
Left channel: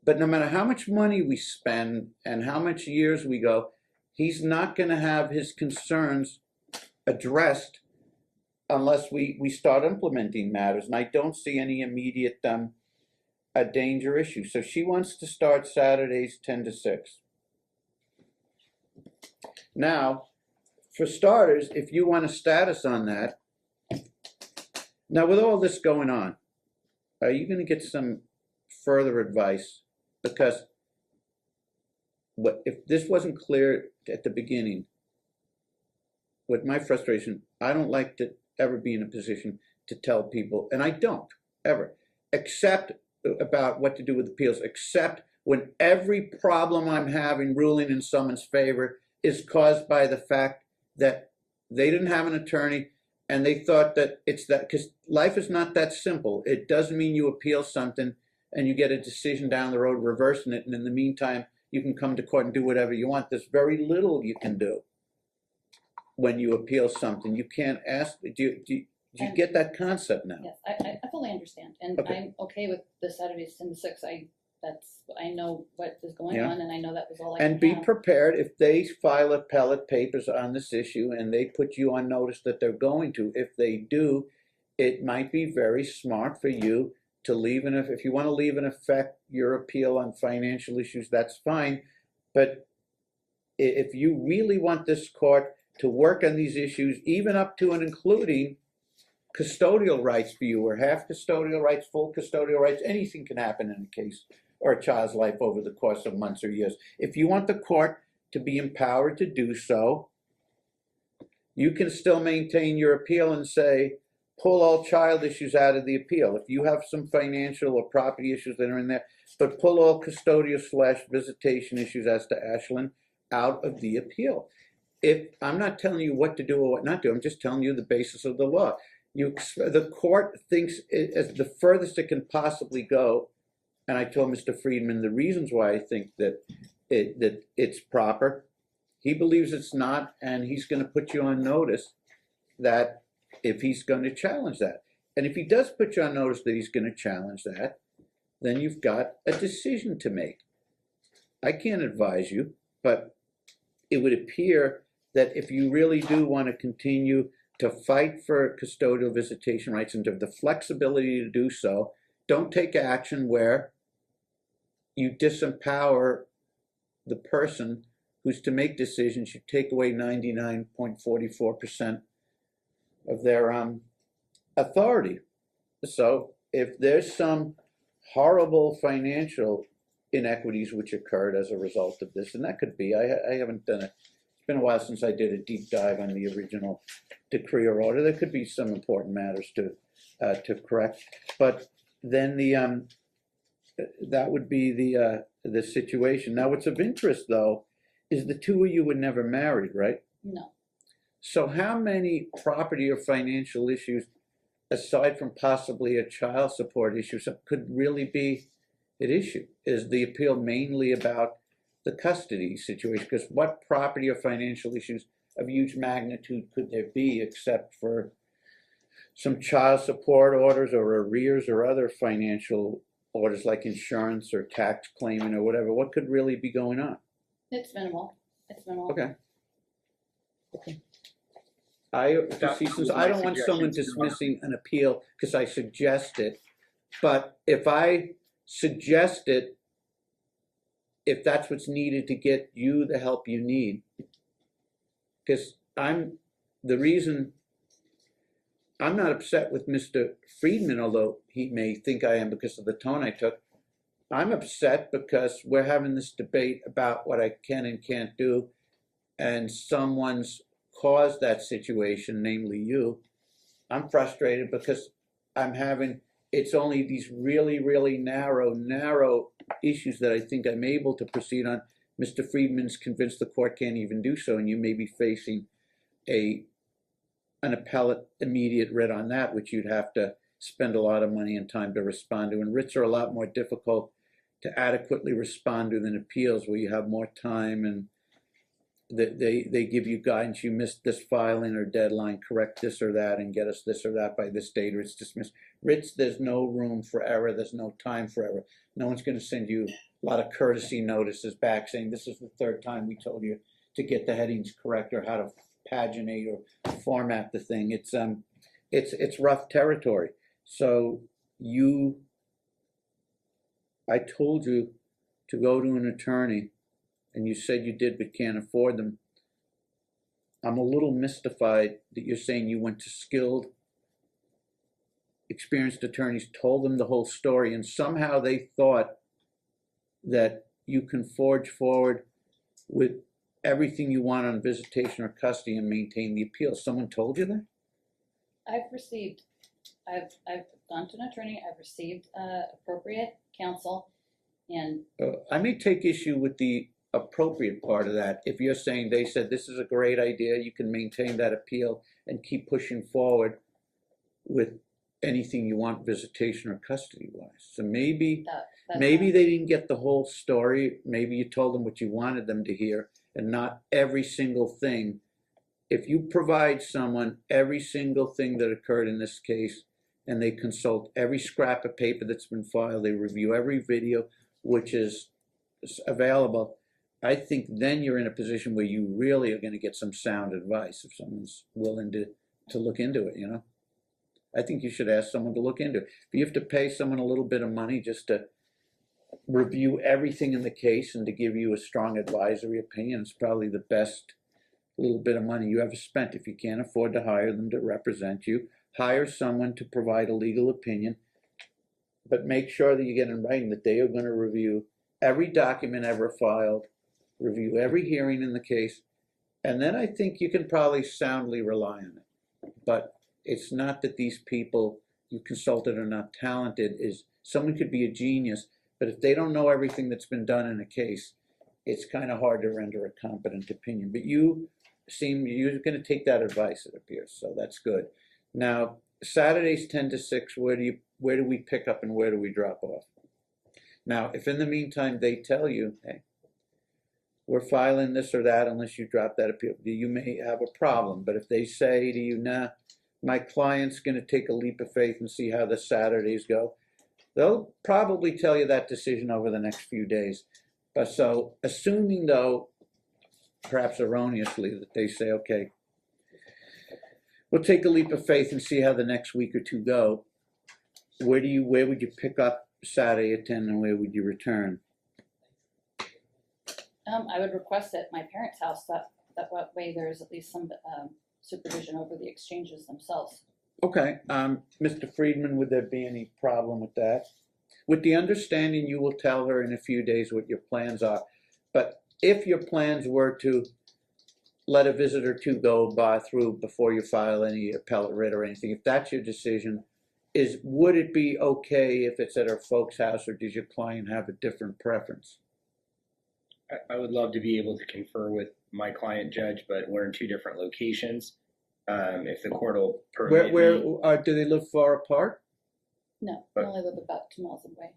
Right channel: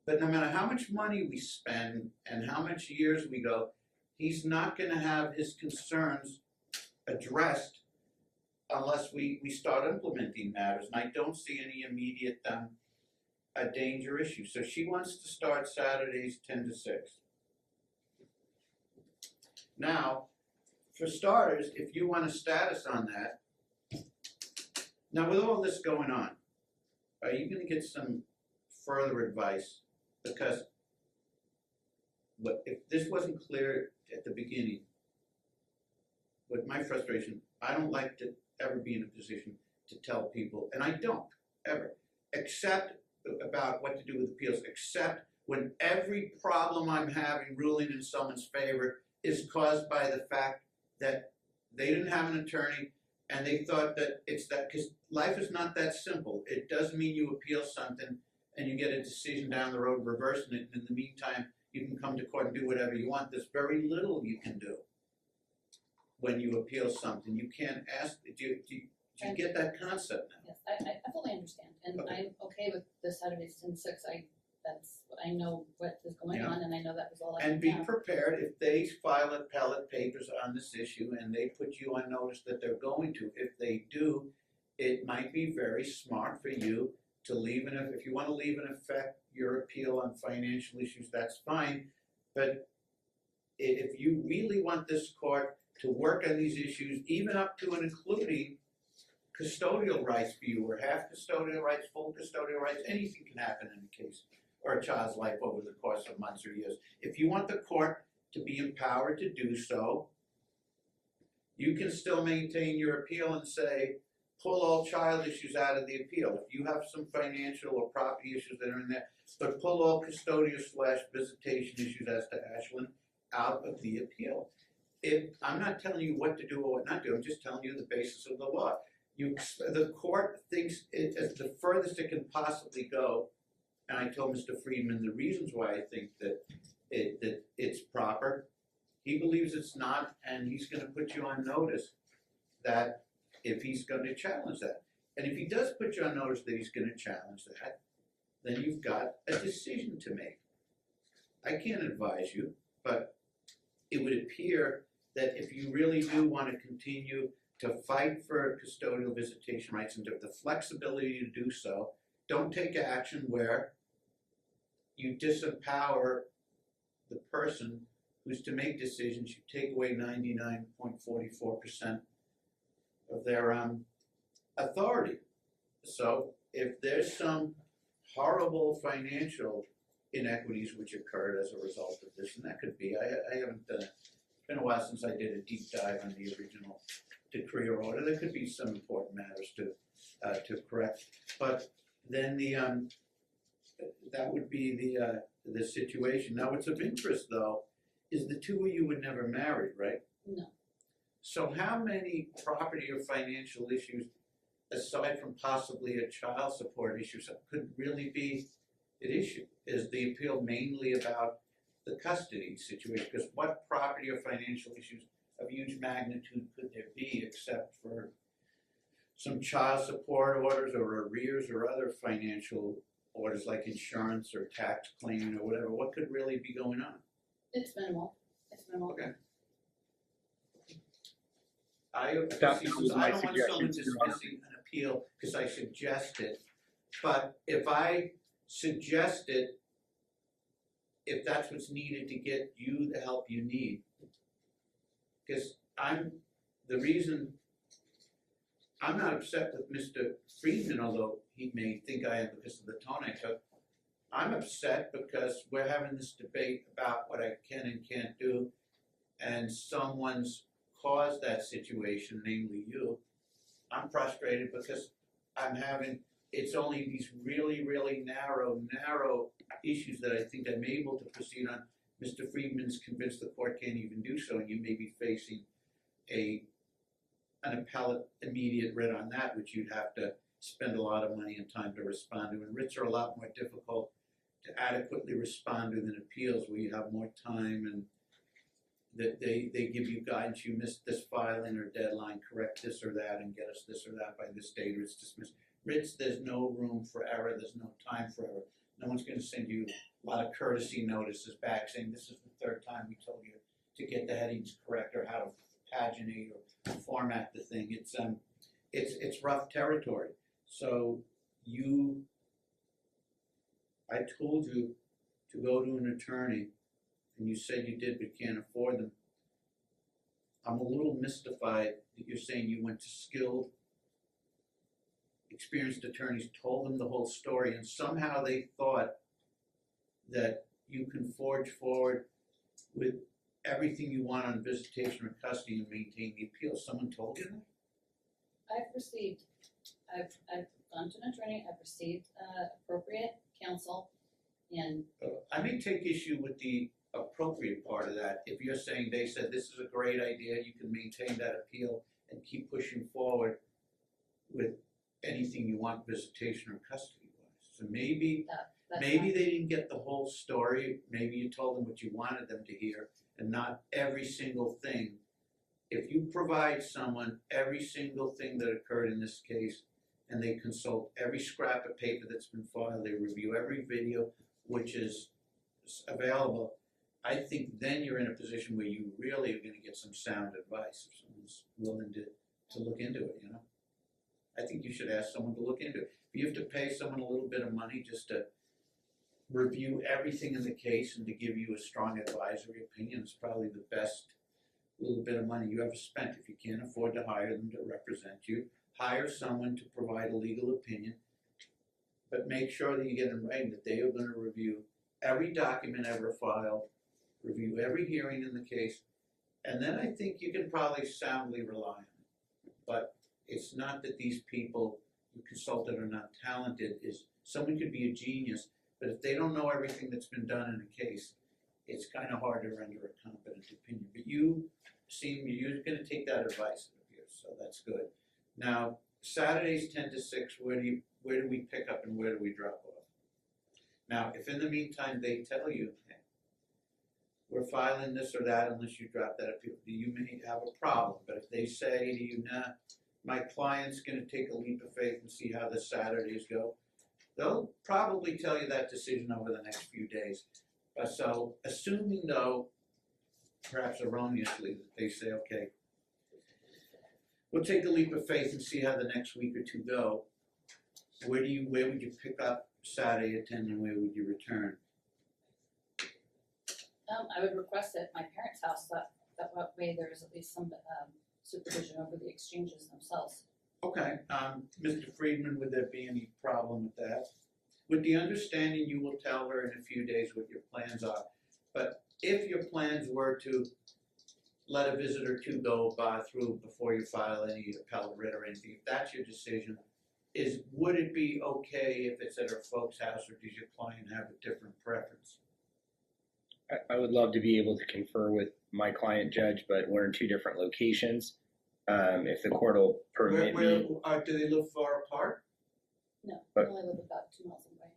But no matter how much money we spend and how much years we go, he's not going to have his concerns addressed unless we start implementing matters. And I don't see any immediate danger issue. So she wants to start Saturdays 10 to 6. Now, for starters, if you want a status on that, now with all this going on, are you going to get some further advice? Because if this wasn't clear at the beginning, with my frustration, I don't like to ever be in a position to tell people, and I don't ever, except about what to do with appeals, except when every problem I'm having ruling in someone's favor is caused by the fact that they didn't have an attorney and they thought that it's that, because life is not that simple. It doesn't mean you appeal something and you get a decision down the road reversing it, and in the meantime you can come to court and do whatever you want. There's very little you can do when you appeal something. You can't ask, do you get that concept now? Yes, I fully understand, and Okay. I'm okay with the Saturdays 10 to 6. I I know what is going Yeah. on, and I know that was all I And can be have. prepared if they file appellate papers on this issue and they put you on notice that they're going to. If they do, it might be very smart for you to leave, and if you want to leave in effect your appeal on financial issues, that's fine. But if you really want this court to work on these issues, even up to and including custodial rights for you, or half custodial rights, full custodial rights, anything can happen in a case or a child's life over the course of months or years. If you want the court to be empowered to do so, you can still maintain your appeal and say, pull all child issues out of the appeal. If you have some financial or property issues that are in there, but pull all custodial/visitation issues as to Ashland out of the appeal. If I'm not telling you what to do or what not to do, I'm just telling you the basis of the law. The court thinks it is the furthest it can possibly go, and I told Mr. Friedman the reasons why I think that it's proper. He believes it's not, and he's going to put you on notice that if he's going to challenge that. And if he does put you on notice that he's going to challenge that, then you've got a decision to make. I can't advise you, but it would appear that if you really do want to continue to fight for custodial visitation rights and to have the flexibility to do so, don't take action where you disempower the person who's to make decisions. You take away 99.44% of their authority. So if there's some horrible financial inequities which occurred as a result of this, and that could be, I haven't done it. It's been a while since I did a deep dive on the original decree or order. There could be some important matters to correct, but then that would be the situation. Now, what's of interest though is the two of you were never married, right? No. So how many property or financial issues, aside from possibly a child support issue, could really be at issue? Is the appeal mainly about the custody situation? Because what property or financial issues of huge magnitude could there be except for some child support orders or arrears or other financial orders like insurance or tax claiming or whatever? What could really be going on? It's minimal. It's minimal. Okay. That was I my don't want someone suggestion, Your Honor. dismissing an appeal because I suggest it, but if I suggest it, if that's what's needed to get you the help you need, because the reason I'm not upset with Mr. Friedman, although he may think I am because of the tone I took. I'm upset because we're having this debate about what I can and can't do, and someone's caused that situation, namely you. I'm frustrated because it's only these really, really narrow issues that I think I'm able to proceed on. Mr. Friedman's convinced the court can't even do so, and you may be facing an appellate immediate writ on that, which you'd have to spend a lot of money and time to respond to. And writs are a lot more difficult to adequately respond to than appeals, where you have more time and they give you guidance. You missed this filing or deadline, correct this or that and get us this or that by this date, or it's dismissed. Writs, there's no room for error. There's no time for error. No one's going to send you a lot of courtesy notices back saying this is the third time we told you to get the headings correct or how to paginate or format the thing. It's rough territory. So I told you to go to an attorney, and you said you did but can't afford them. I'm a little mystified that you're saying you went to skilled, experienced attorneys, told them the whole story, and somehow they thought that you can forge forward with everything you want on visitation or custody and maintain the appeal. Someone told you that? I've gone to an attorney. I've received appropriate counsel, and I may take issue with the appropriate part of that. If you're saying they said this is a great idea, you can maintain that appeal and keep pushing forward with anything you want visitation or custody wise. So maybe they didn't get the whole story. Maybe you told them what you wanted them to hear and not every single thing. If you provide someone every single thing that occurred in this case, and they consult every scrap of paper that's been filed, they review every video, which is available, I think then you're in a position where you really are going to get some sound advice if someone's willing to look into it, you know? I think you should ask someone to look into it. If you have to pay someone a little bit of money just to review everything in the case and to give you a strong advisory opinion, it's probably the best little bit of money you ever spent. If you can't afford to hire them to represent you, hire someone to provide a legal opinion, but make sure that you get in writing that they are going to review every document ever filed, review every hearing in the case, and then I think you can probably soundly rely on it. But it's not that these people you consulted are not talented. Is someone could be a genius, but if they don't know everything that's been done in a case, it's kind of hard to render a competent opinion. But you seem you're going to take that advice, it appears, so that's good. Now, Saturdays 10 to 6, where do we pick up and where do we drop off? Now, if in the meantime they tell you, hey, we're filing this or that unless you drop that appeal, you may have a problem. But if they say to you, nah, my client's going to take a leap of faith and see how the Saturdays go, they'll probably tell you that decision over the next few days. But so, assuming though, perhaps erroneously, that they say, okay, we'll take a leap of faith and see how the next week or two go, where would you pick up Saturday at 10 and where would you return? I would request at my parents' house that way there's at least some supervision over the exchanges themselves. Okay, Mr. Friedman, would there be any problem with that? With the understanding you will tell her in a few days what your plans are, but if your plans were to let a visit or two go through before you file any appellate writ or anything, if that's your decision, would it be okay if it's at her folks' house, or does your client have a different preference? I would love to be able to confer with my client, Judge, but we're in two different locations. If the court will permit me. Do they live far apart? No, I only live about 2 miles away.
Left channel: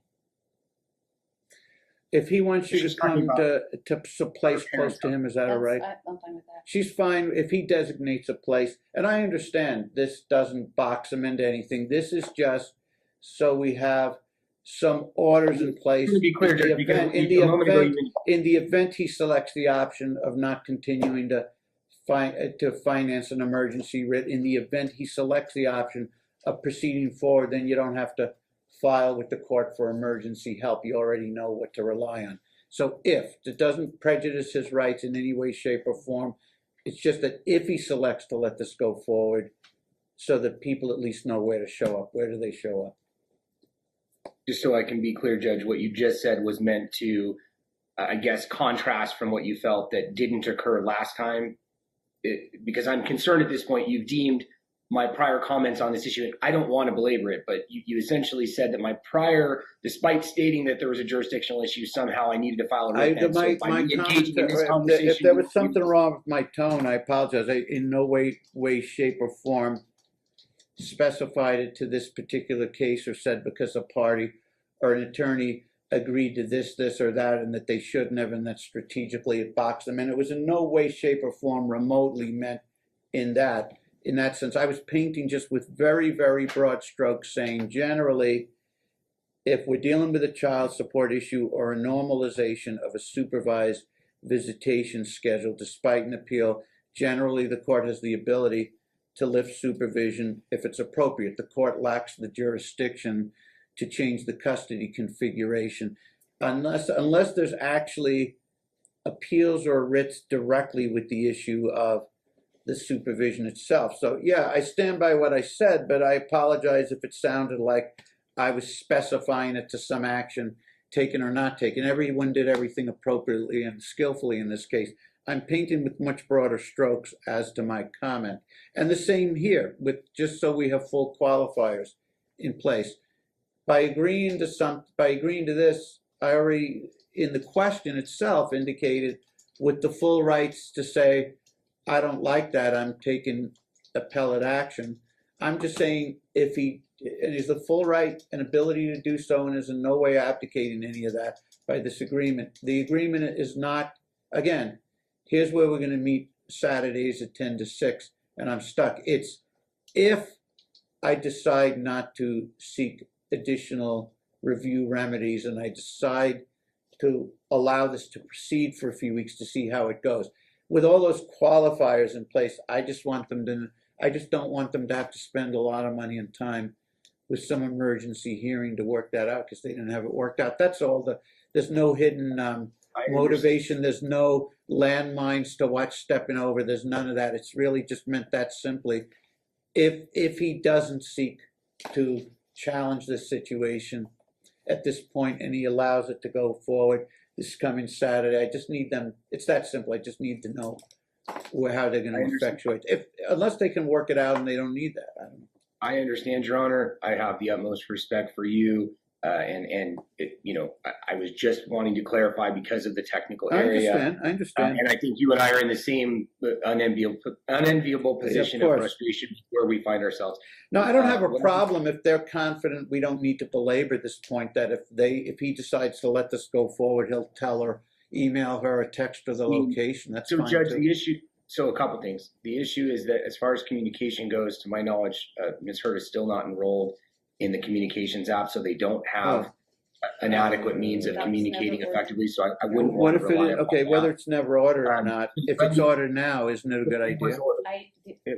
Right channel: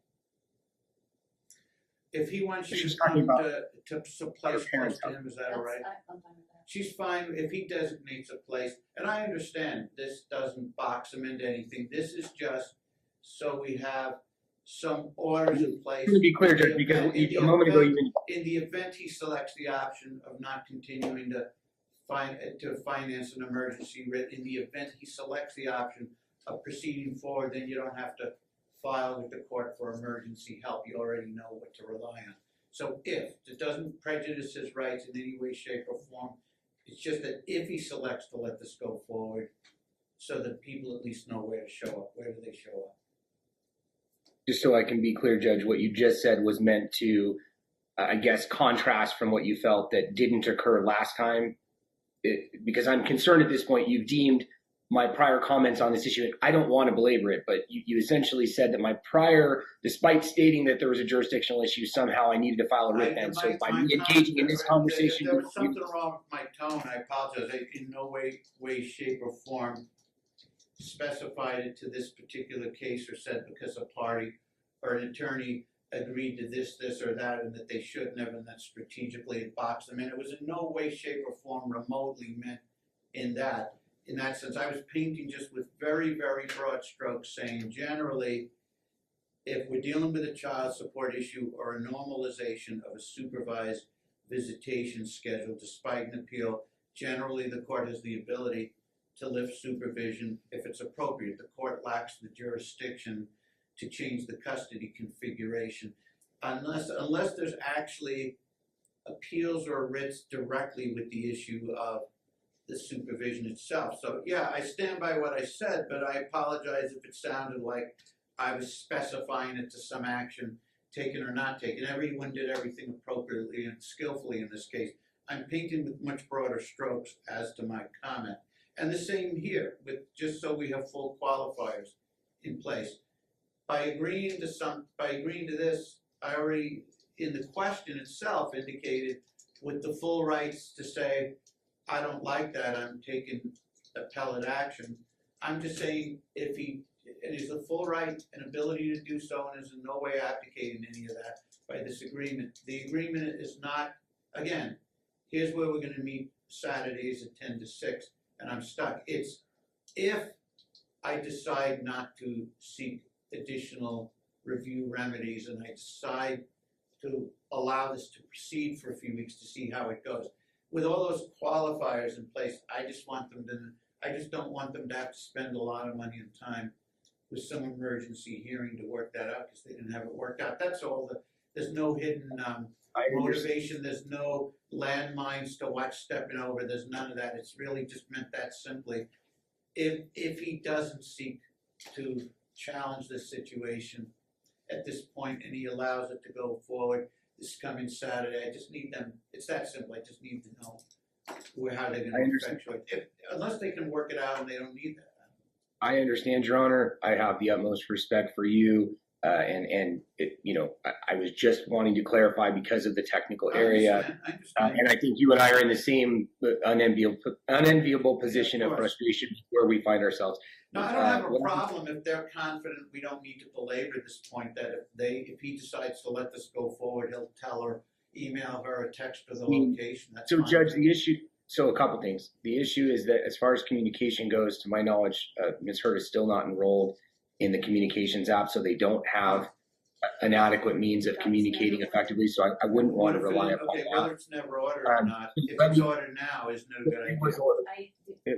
If he wants you to come to some place close to him, is that all right? I'm fine with that. She's fine if he designates a place. And I understand this doesn't box him into anything. This is just so we have some orders in place. To be clear, Judge, because a moment ago in the event he selects the option of not continuing to finance an emergency writ, in the event he selects the option of proceeding forward, then you don't have to file with the court for emergency help. You already know what to rely on. So if it doesn't prejudice his rights in any way, shape, or form, it's just that if he selects to let this go forward, so that people at least know where to show up. Where do they show up? Just so I can be clear, Judge, what you just said was meant to, I guess, contrast from what you felt that didn't occur last time. Because I'm concerned at this point, you've deemed my prior comments on this issue, and I don't want to belabor it, but you essentially said that my prior, despite stating that there was a jurisdictional issue, somehow I needed to file a writ. And so by me engaging in this conversation, if there was something wrong with my tone, I apologize. I in no way, shape, or form specified it to this particular case or said because a party or an attorney agreed to this, or that, and that they shouldn't have, and that strategically it boxed them in. It was in no way, shape, or form remotely meant in that sense. I was painting just with very, very broad strokes, saying generally, if we're dealing with a child support issue or a normalization of a supervised visitation schedule, despite an appeal, generally the court has the ability to lift supervision if it's appropriate. The court lacks the jurisdiction to change the custody configuration unless there's actually appeals or writs directly with the issue of the supervision itself. So yeah, I stand by what I said, but I apologize if it sounded like I was specifying it to some action taken or not taken. Everyone did everything appropriately and skillfully in this case. I'm painting with much broader strokes as to my comment. And the same here, with just so we have full qualifiers in place. By agreeing to this, I already, in the question itself, indicated with the full rights to say, I don't like that, I'm taking appellate action. I'm just saying if he has the full right and ability to do so and is in no way abdicating any of that by this agreement. The agreement is not, again, here's where we're going to meet Saturdays at 10 to 6 and I'm stuck. It's if I decide not to seek additional review remedies and I decide to allow this to proceed for a few weeks to see how it goes. With all those qualifiers in place, I just don't want them to have to spend a lot of money and time with some emergency hearing to work that out because they didn't have it worked out. That's all. There's no hidden motivation. There's no landmines to watch stepping over. There's none of that. It's really just meant that simply. If he doesn't seek to challenge this situation at this point and he allows it to go forward this coming Saturday, I just need them. It's that simple. I just need to know how they're going to effectuate. Unless they can work it out and they don't need that. I don't know. I understand, Your Honor. I have the utmost respect for you. And I was just wanting to clarify because of the technical area. I understand. And I think you and I are in the same unenviable position of frustration where we find ourselves. No, I don't have a problem if they're confident. We don't need to belabor this point that if he decides to let this go forward, he'll tell her, email her, or text her the location. That's so, fine Judge, too. the issue. So a couple things. The issue is that as far as communication goes, to my knowledge, Ms. Hurd is still not enrolled in the communications app, so they don't have an adequate means of communicating effectively. So I wouldn't want to rely on that. Whether it's never ordered or not, if it's ordered now, isn't it a good idea?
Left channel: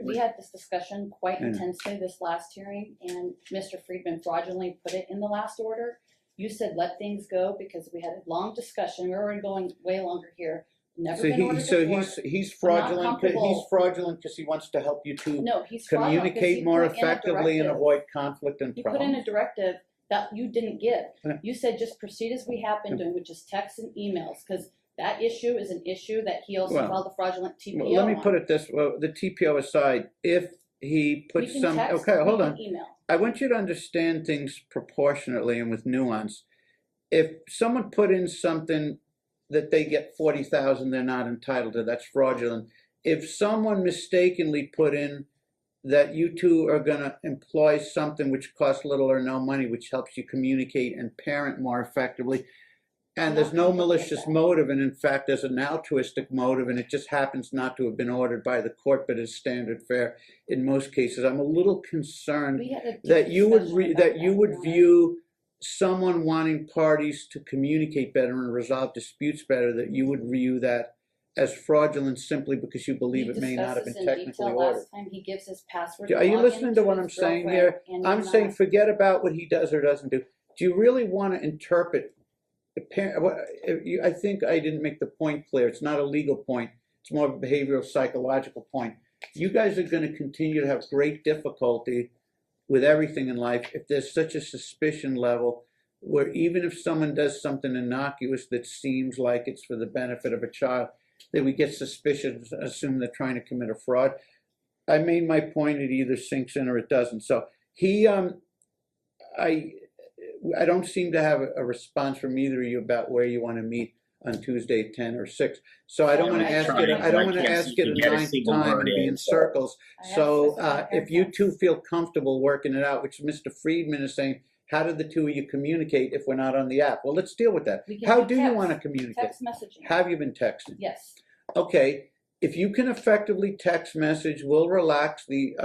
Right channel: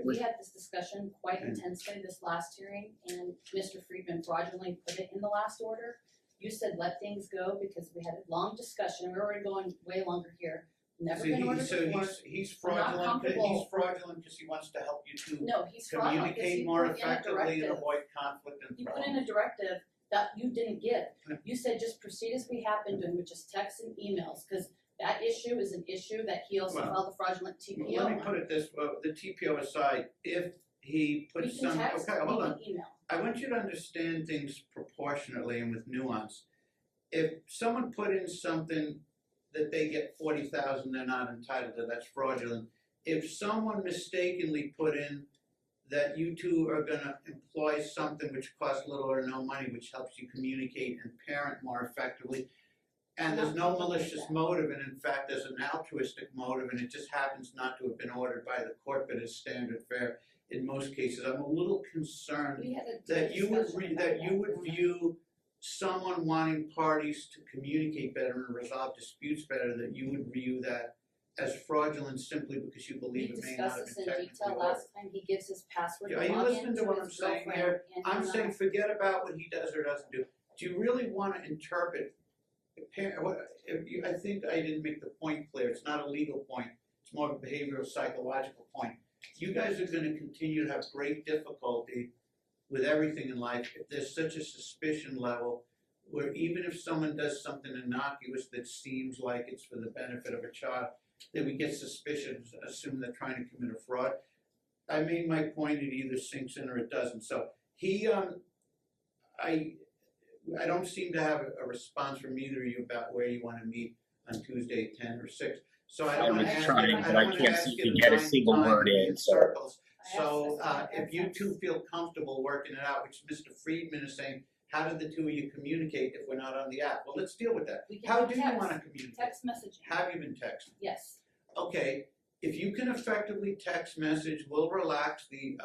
We had this discussion quite intensely this last hearing, and Mr. Friedman fraudulently put it in the last order. You said let things go because we had a long discussion. We're already going way longer here. Never been ordered before. He's fraudulent. He's fraudulent because he wants to help you to communicate more effectively and avoid conflict and problems. He put in a directive that you didn't give. You said just proceed as we have been doing, which is texts and emails, because that issue is an issue that he also filed a fraudulent TPO on. Let me put it this way: the TPO aside, if he puts some, hold on. I want you to understand things proportionately and with nuance. If someone put in something that they get 40,000 they're not entitled to, that's fraudulent. If someone mistakenly put in that you two are going to employ something which costs little or no money, which helps you communicate and parent more effectively, and there's no malicious motive, and in fact there's an altruistic motive, and it just happens not to have been ordered by the court but is standard fare in most cases, I'm a little concerned that you would view someone wanting parties to communicate better and resolve disputes better, that you would view that as fraudulent simply because you believe it may not have been technically ordered. Last time he gives his password. Are you listening to what I'm saying here? I'm saying forget about what he does or doesn't do. Do you really want to interpret? I think I didn't make the point clear. It's not a legal point. It's more of a behavioral psychological point. You guys are going to continue to have great difficulty with everything in life if there's such a suspicion level where even if someone does something innocuous that seems like it's for the benefit of a child, that we get suspicious, assume they're trying to commit a fraud. I made my point, it either sinks in or it doesn't. So I don't seem to have a response from either of you about where you want to meet on Tuesday, 10 or 6. So I don't want to ask it. I don't want to ask it a ninth time and be in circles. So if you two feel comfortable working it out, which Mr. Friedman is saying, how do the two of you communicate if we're not on the app? Well, let's deal with that. How do you want to communicate? Text messaging. Have you been texting? Yes. Okay. If you can effectively text message, we'll relax the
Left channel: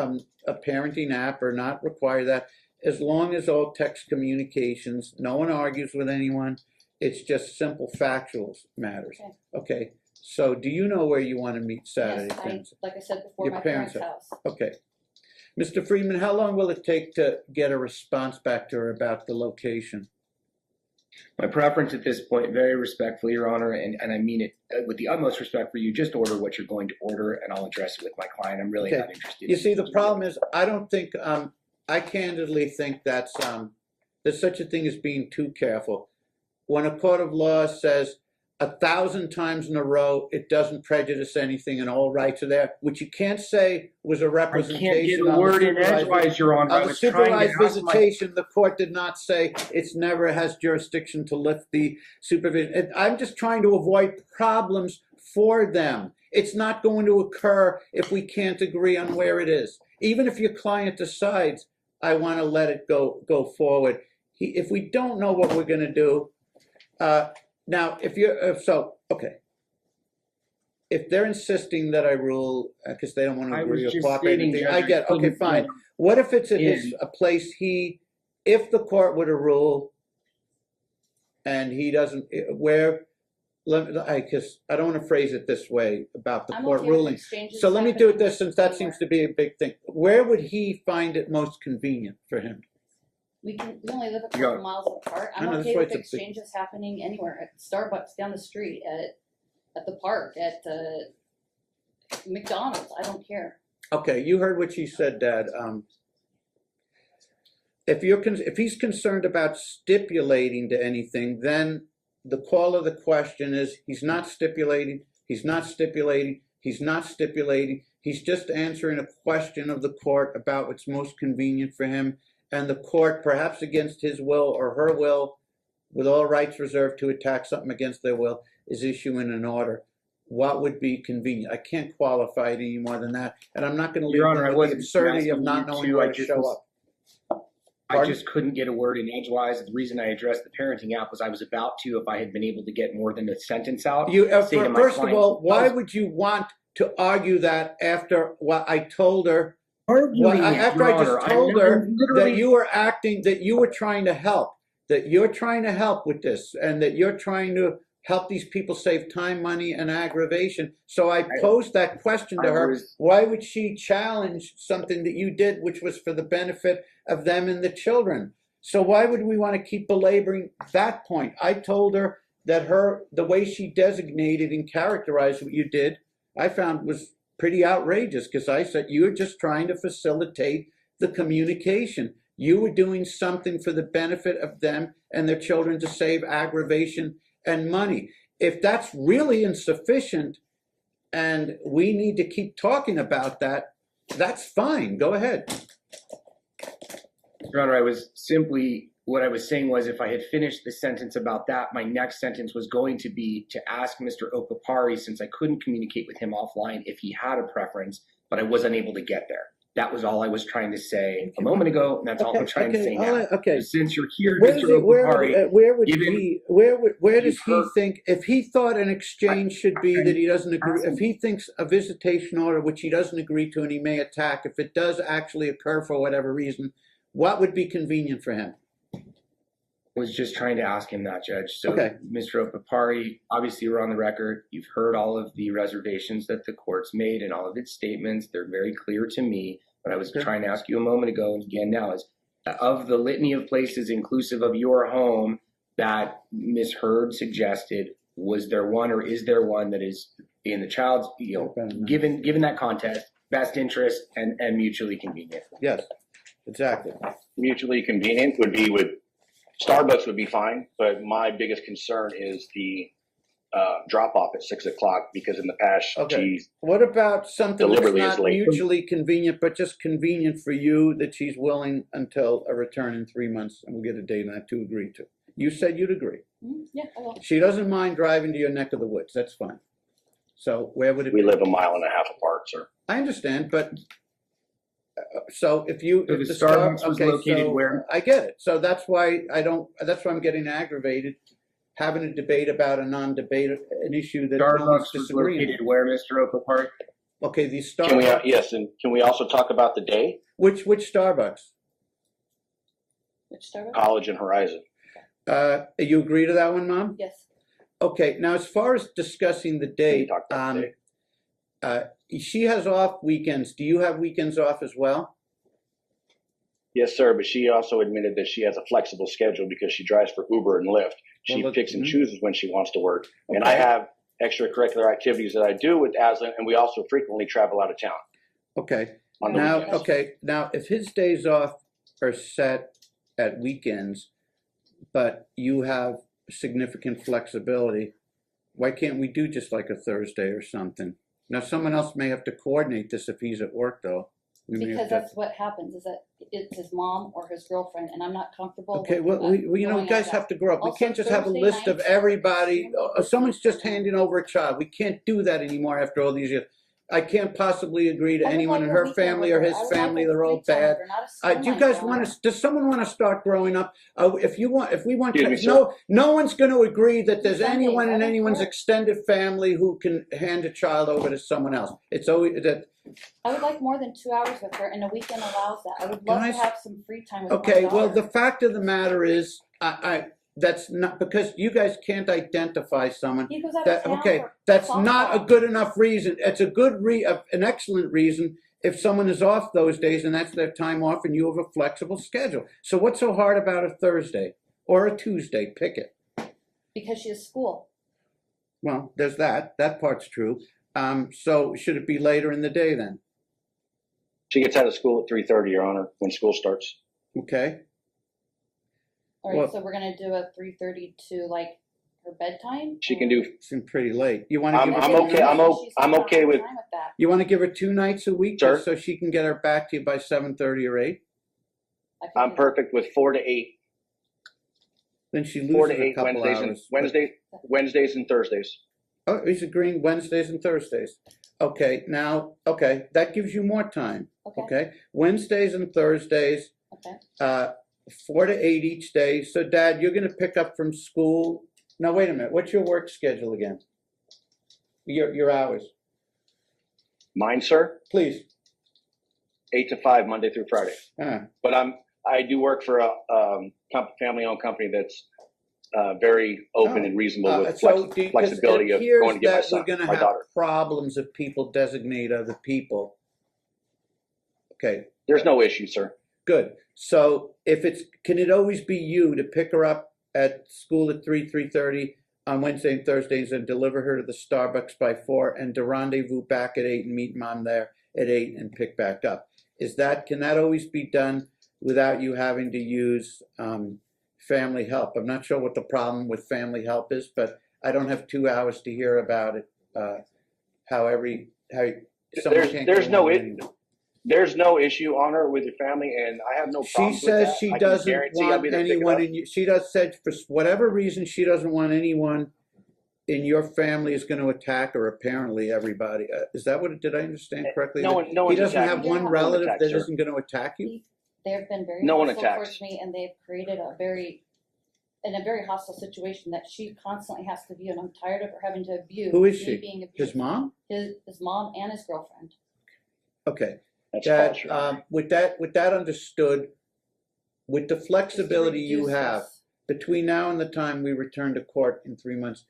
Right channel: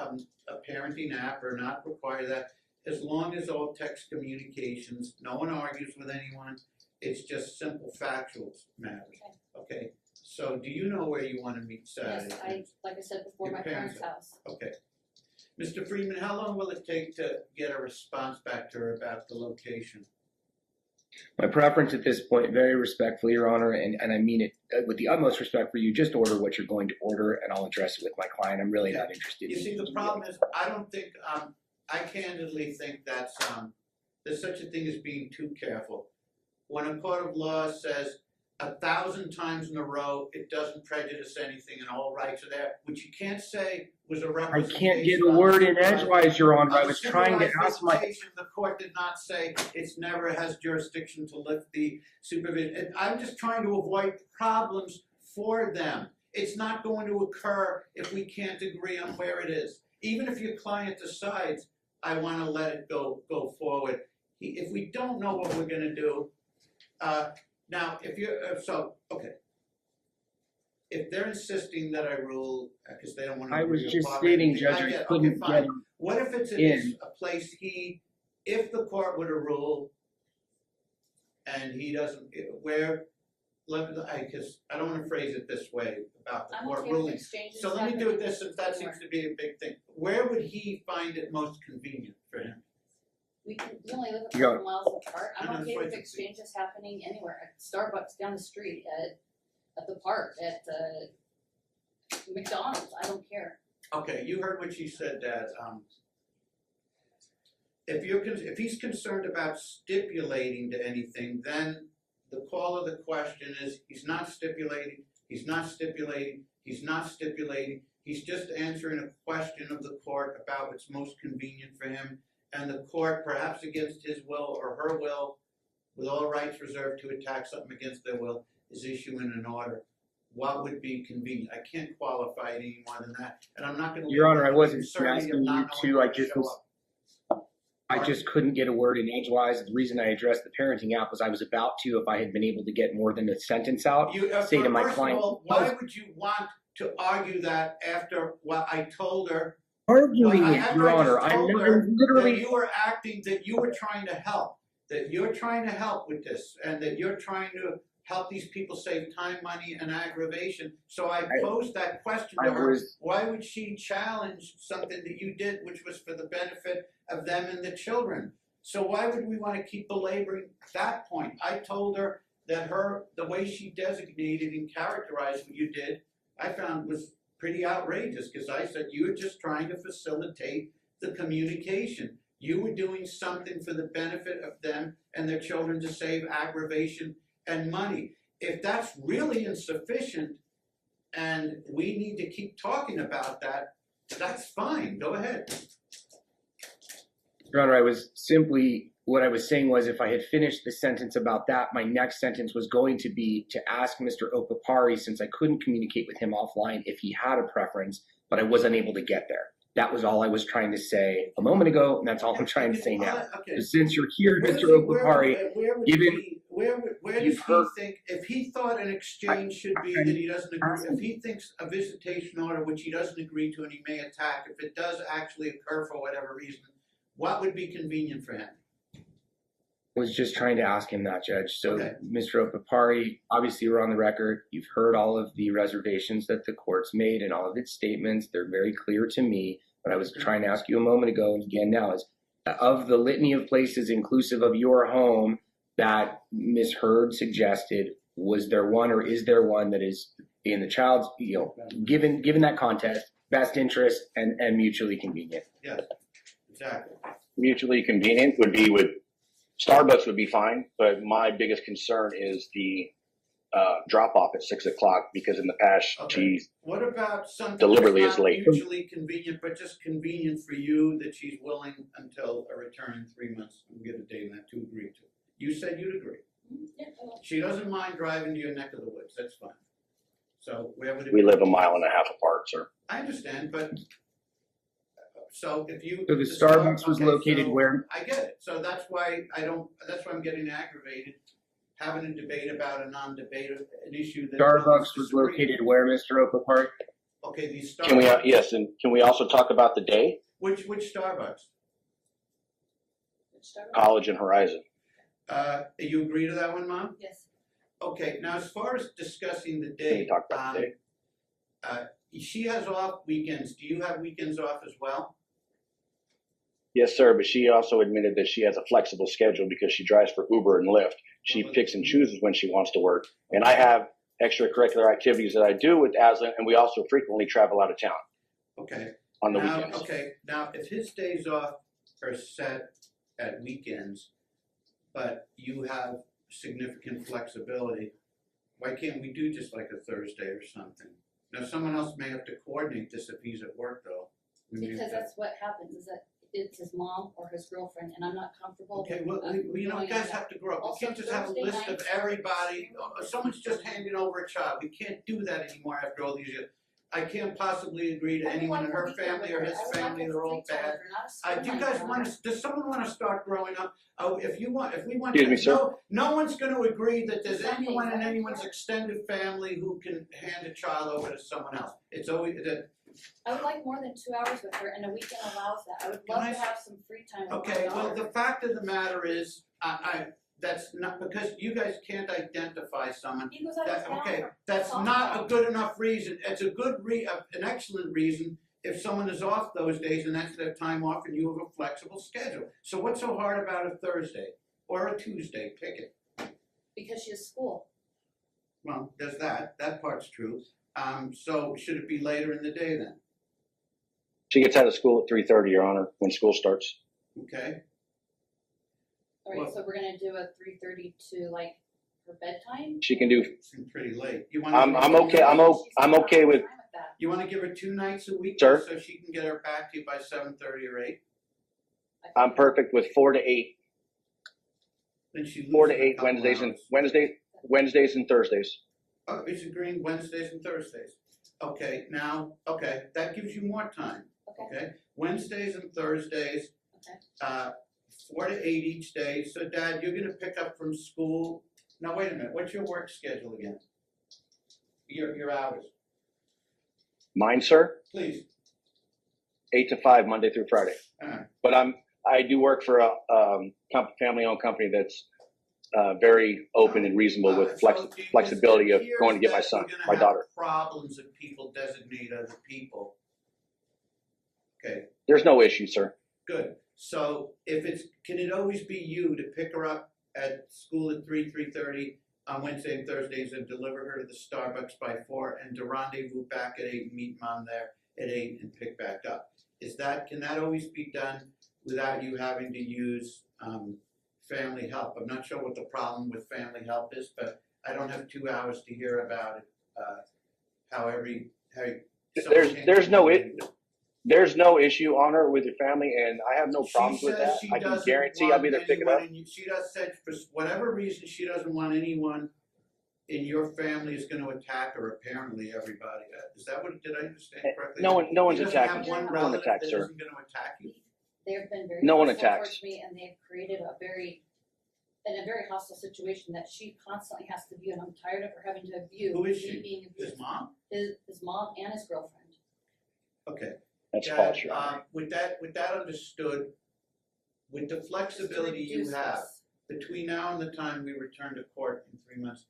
a parenting app or not require that, as long as all text communications, no one argues with anyone. It's just simple factual matters. Okay. So do you know where you want to meet Saturday? Yes, like I said before, my parents' house. Okay. Mr. Friedman, how long will it take to get a response back to her about the location? My preference at this point, very respectfully, Your Honor, and I mean it with the utmost respect for you, just order what you're going to order and I'll address it with my client. I'm really not interested. You see, the problem is I don't think, I candidly think that's, there's such a thing as being too careful. When a court of law says 1,000 times in a row, it doesn't prejudice anything and all rights are there, which you can't say was a representation. I can't get a word in edgewise, Your Honor. I was trying to ask visitation, the court did not say it's never has jurisdiction to lift the supervision. I'm just trying to avoid problems for them. It's not going to occur if we can't agree on where it is. Even if your client decides, I want to let it go forward. If we don't know what we're going to do, now, if they're insisting that I rule because they don't want to agree or cooperate, I get, okay, fine. What if it's a place if the court were to rule and he doesn't, because I don't want to phrase it this way about the I'm court okay with ruling. exchanges So let me do it happening this, since that seems anywhere. to be a big thing. Where would he find it most convenient for him? We only live a Yeah. couple miles apart. I I'm know, that's okay why with it's a big- exchanges happening anywhere, at Starbucks down the street, at the park, at McDonald's, I don't care. Okay, you heard what she said, Dad. If he's concerned about stipulating to anything, then the call of the question is he's not stipulating, he's not stipulating, he's not stipulating. He's just answering a question of the court about what's most convenient for him, and the court, perhaps against his will or her will, with all rights reserved to attack something against their will, is issuing an order. What would be convenient? I can't qualify it any more than that, and I'm not going to Your leave Honor, I them with the wasn't absurdity of asking not you knowing to, where I to just show was- up. I Pardon? just couldn't get a word in edgewise. The reason I addressed the parenting app was I was about to, if I had been able to get more than a sentence out, say to my First client. of all, why would you want to argue that after what I told her? Arguing it, After Your I Honor. just told her that literally. you were acting, that you were trying to help, that you're trying to help with this, and that you're trying to help these people save time, money, and aggravation. So I posed that question to her. Why would she challenge something that you did, which was for the benefit of them and the children? So why would we want to keep belaboring that point? I told her that the way she designated and characterized what you did, I found was pretty outrageous, because I said you were just trying to facilitate the communication. You were doing something for the benefit of them and their children to save aggravation and money. If that's really insufficient and we need to keep talking about that, that's fine. Go ahead. Your Honor, what I was saying was if I had finished the sentence about that, my next sentence was going to be to ask Mr. Opapari, since I couldn't communicate with him offline, if he had a preference, but I was unable to get there. That was all I was trying to say a moment ago, and that's all I'm trying to say now. Okay. Since you're here, Where Mr. Opapari, where does you've he heard- think, if he thought an exchange should be that he doesn't agree, if he thinks a visitation order which he doesn't agree to and he may attack, if it does actually occur for whatever reason, what would be convenient for him? I was just trying to ask him that, Judge. So, Okay. Mr. Opapari, obviously we're on the record. You've heard all of the reservations that the court's made and all of its statements. They're very clear to me. But I was trying to ask you a moment ago, and again now, is of the litany of places inclusive of your home that Ms. Hurd suggested, was there one or is there one that is in the child's, given that context, best interest and mutually convenient? Yes, exactly. Mutually convenient would be with Starbucks would be fine, but my biggest concern is the drop off at 6 o'clock, because in the past she's What about something deliberately that's is not late. mutually convenient, but just convenient for you, that she's willing until a return in 3 months, and we'll get a date on that, to agree to? You said you'd agree. Yeah, I will. She doesn't mind driving to your neck of the woods. That's fine. So where would it we be? live a mile and a half apart, sir. I understand, but so if you So if the Starbucks was located where? I get it. So that's why that's why I'm getting aggravated having a debate about a non-debate, an issue that Starbucks was located where, Mr. Opapari? Okay, the Starbucks. Can we yes, and can we also talk about the day? Which Starbucks? Which Starbucks? College and Horizon. You agree to that one, Mom? Yes. Okay. Now, as far as discussing the Can date, we talk about the day? She has off weekends. Do you have weekends off as well? Yes, sir, but she also admitted that she has a flexible schedule because she drives for Uber and Lyft. She Well, picks and chooses when she wants to work. And I have extracurricular activities that I do with Aslan, and we also frequently travel out of town Okay. on the weekends. Okay. Now, if his days off are set at weekends, but you have significant flexibility, why can't we do just like a Thursday or something? Now, someone else may have to coordinate this if he's at work, though. We may Because have to. that's what happens, is that it's his mom or his girlfriend, and I'm not comfortable Okay, with, well, you going guys out. have to grow up. We Also, can't just have a Thursday list of nights- everybody. Someone's just handing over a child. We can't do that anymore after all these years. I can't possibly agree to I would anyone like in a her weekend family or with his her. I would like family. a They're all free time bad. with her, not a Do you semi guys time. want to? Does someone want to start growing up? If we want, Excuse me, sir. no one's going to agree that there's Sundays, anyone in I don't anyone's care. extended family who can hand a child over to someone else. It's always that. I would like more than 2 hours with her, and a weekend allows that. I would Can love I to s- have some free time with my Okay, well, daughter. the fact of the matter is, that's not, because you guys can't identify someone. He goes out That, of town okay, for that's not a softball. good enough reason. It's a good an excellent reason if someone is off those days and that's their time off and you have a flexible schedule. So what's so hard about a Thursday or a Tuesday? Pick it. Because she has school. Well, there's that. That part's true. So should it be later in the day then? She gets out of school at 3:30, Your Honor, when school starts. Okay. All right, Well- so we're gonna do a 3:30 to like her bedtime. She can do. Seems pretty late. You want to? I'm okay. I'm okay with. that. You want to give her 2 nights a week, Sir? so she can get her back to you by 7:30 or 8. I can I'm do perfect with 4 to 8. Then she loses 4 to a 8 couple Wednesdays and Thursdays. Oh, he's agreeing Wednesdays and Thursdays. Okay, now, okay, that gives you more time. Okay. Okay, Wednesdays and Thursdays, Okay. 4 to 8 each day. So, Dad, you're going to pick up from school. Now, wait a minute. What's your work schedule again? Your hours, Mine, sir, please. 8 to 5, Monday through Friday. But I do work for a family-owned company that's very open and reasonable with flexibility of going to get my son, You're gonna my have daughter. problems if people designate other people. Okay, There's no issue, sir. good. So if can it always be you to pick her up at school at 3:30 on Wednesday and Thursdays and deliver her to the Starbucks by 4 and to rendezvous back at 8 and meet Mom there at 8 and pick back up? Can that always be done without you having to use family help? I'm not sure what the problem with family help is, but I don't have 2 hours to hear about it. There's no issue, Honor, with your family, and I have no She problems with says that. she I can doesn't guarantee I'll want be there to pick it anyone up. she does said for whatever reason she doesn't want anyone in your family is going to attack her. Apparently, everybody is that what? Did I understand correctly? No one's He doesn't attacking have you. one No one relative attacks that her. isn't going to attack you. They've been very No one hostile attacks. towards me, and they've created a very hostile situation that she constantly has to view, and I'm tired of her having to view. Who is me she? Being abused. His mom? His mom and his girlfriend. Okay. That's Dad, false, Your Honor. with that understood, with the flexibility you have between now and the time we return to court in 3 months,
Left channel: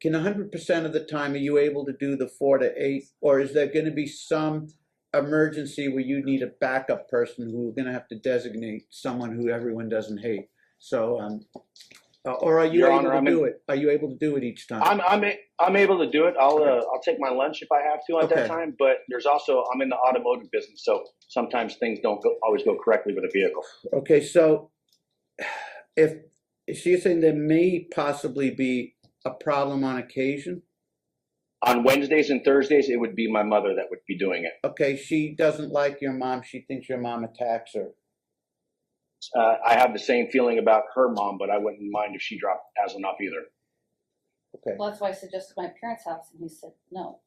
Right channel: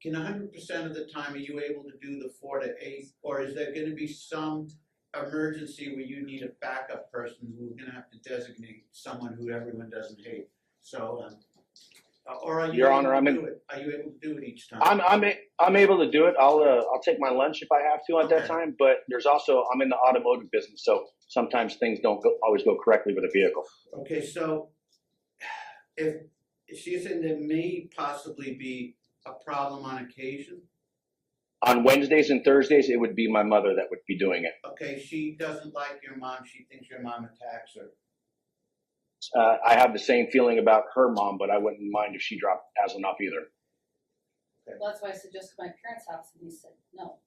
can 100% of the time are you able to do the 4 to 8, or is there going to be some emergency where you need a backup person who we're going to have to designate someone who everyone doesn't hate? So, or are you Your able Honor, to do it? Are you able to do it each time? I'm able to do it. I'll take my lunch if I have to at that time. But there's also I'm in the automotive business, so sometimes things don't always go correctly with a vehicle. Okay, so if she's saying there may possibly be a problem on occasion. On Wednesdays and Thursdays, it would be my mother that would be doing it. Okay, she doesn't like your mom. She thinks your mom attacks her. I have the same feeling about her mom, but I wouldn't mind if she dropped Aslan off either. Okay. Well, that's why I suggested my parents' house, and he said no,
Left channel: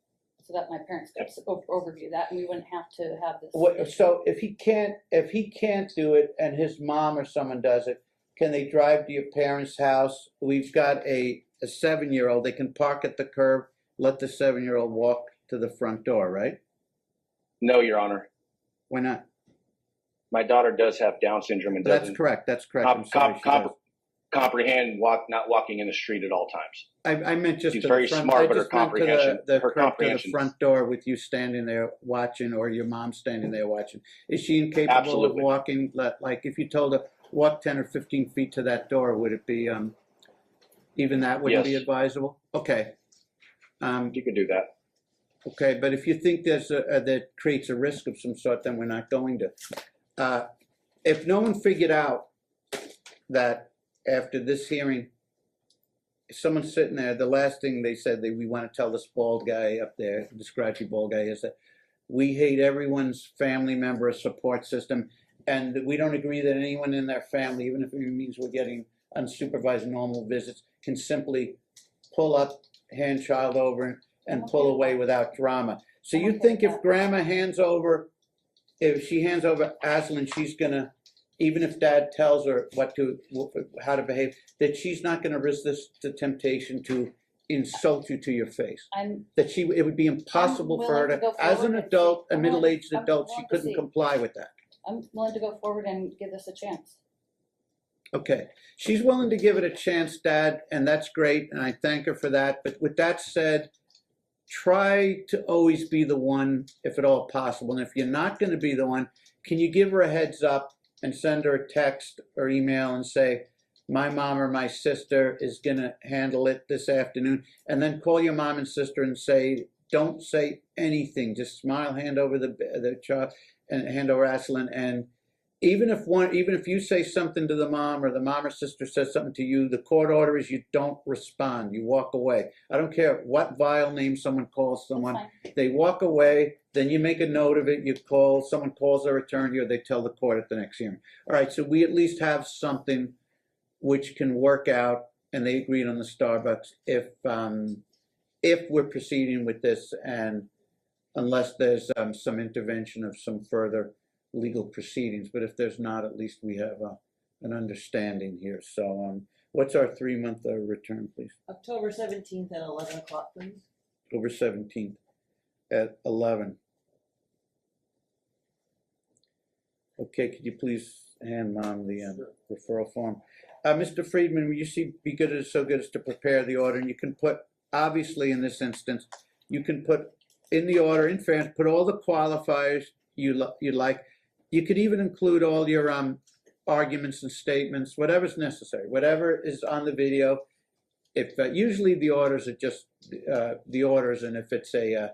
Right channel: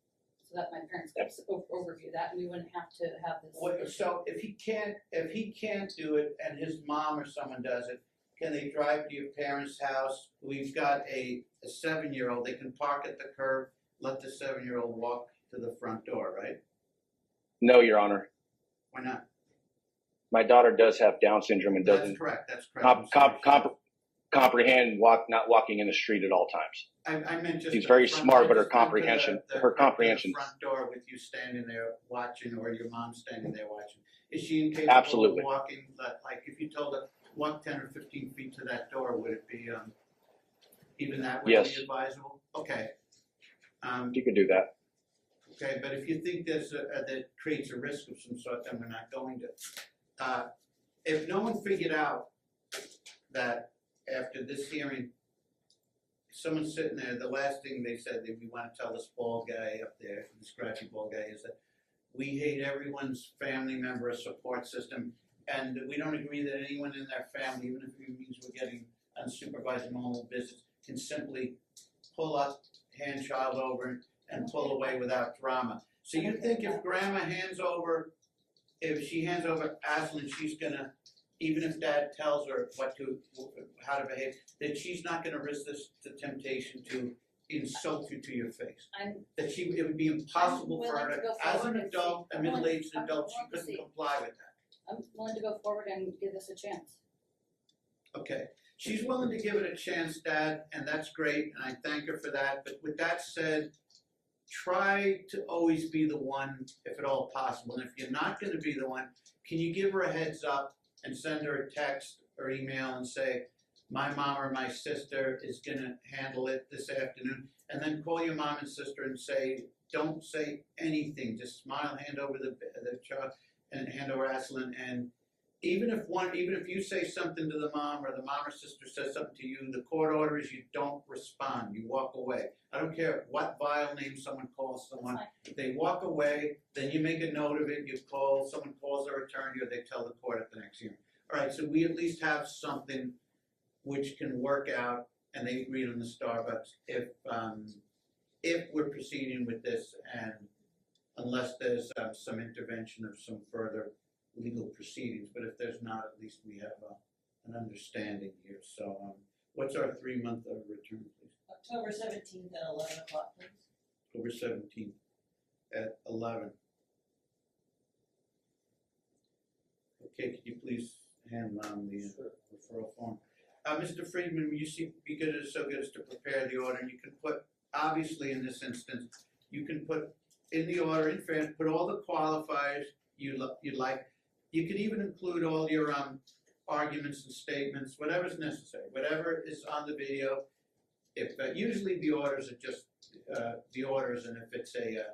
so that my parents could overview that, and we wouldn't have to have this. So if he can't do it, and his mom or someone does it, can they drive to your parents' house? We've got a 7-year-old. They can park at the curb, let the 7-year-old walk to the front door, right? No, Your Honor. Why not? My daughter does have Down syndrome and doesn't That's correct. comprehend not walking in the street at all times. I meant just she's very smart, but her comprehension the front door with you standing there watching, or your mom standing there watching. Is she incapable Absolutely. of walking? Like if you told her walk 10 or 15 feet to that door, would it be even that wouldn't be advisable? Okay. You could do that. Okay, but if you think that creates a risk of some sort, then we're not going to. If no one figured out that after this hearing, someone's sitting there, the last thing they said that we want to tell this bald guy up there, the scratchy bald guy, is that we hate everyone's family member or support system, and we don't agree that anyone in their family, even if it means we're getting unsupervised normal visits, can simply pull up, hand child over, and pull away without drama. So you think if Grandma if she hands over Aslan, she's gonna, even if Dad tells her how to behave, that she's not gonna resist the temptation to insult you to your face? It would be impossible for her to, as an adult, a middle-aged adult, she couldn't comply with that. I'm willing to go forward and give this a chance. Okay, she's willing to give it a chance, Dad, and that's great, and I thank her for that. But with that said, try to always be the one, if at all possible. And if you're not going to be the one, can you give her a heads up and send her a text or email and say, my mom or my sister is going to handle it this afternoon, and then call your mom and sister and say, don't say anything, just smile, hand over the child, and hand over Aslan, and even if you say something to the mom or the mom or sister says something to you, the court order is you don't respond. You walk away. I don't care what vile name someone calls someone. They walk away. Then you make a note of it. You call, someone calls their attorney, or they tell the court at the next hearing. All right, so we at least have something which can work out, and they agreed on the Starbucks if we're proceeding with this, and unless there's some intervention of some further legal proceedings, but if there's not, at least we have an understanding here. So what's our 3-month return, please? October 17th at 11 o'clock, please. October 17th at 11. Okay, could you please hand Mom the referral form? Mr. Friedman, will you be so good as to prepare the order, and you can put, obviously in this instance, you can put in the order, in fairness, put all the qualifiers you like. You could even include all your arguments and statements, whatever's necessary, whatever is on the video. If usually the orders are just the orders, and if it's a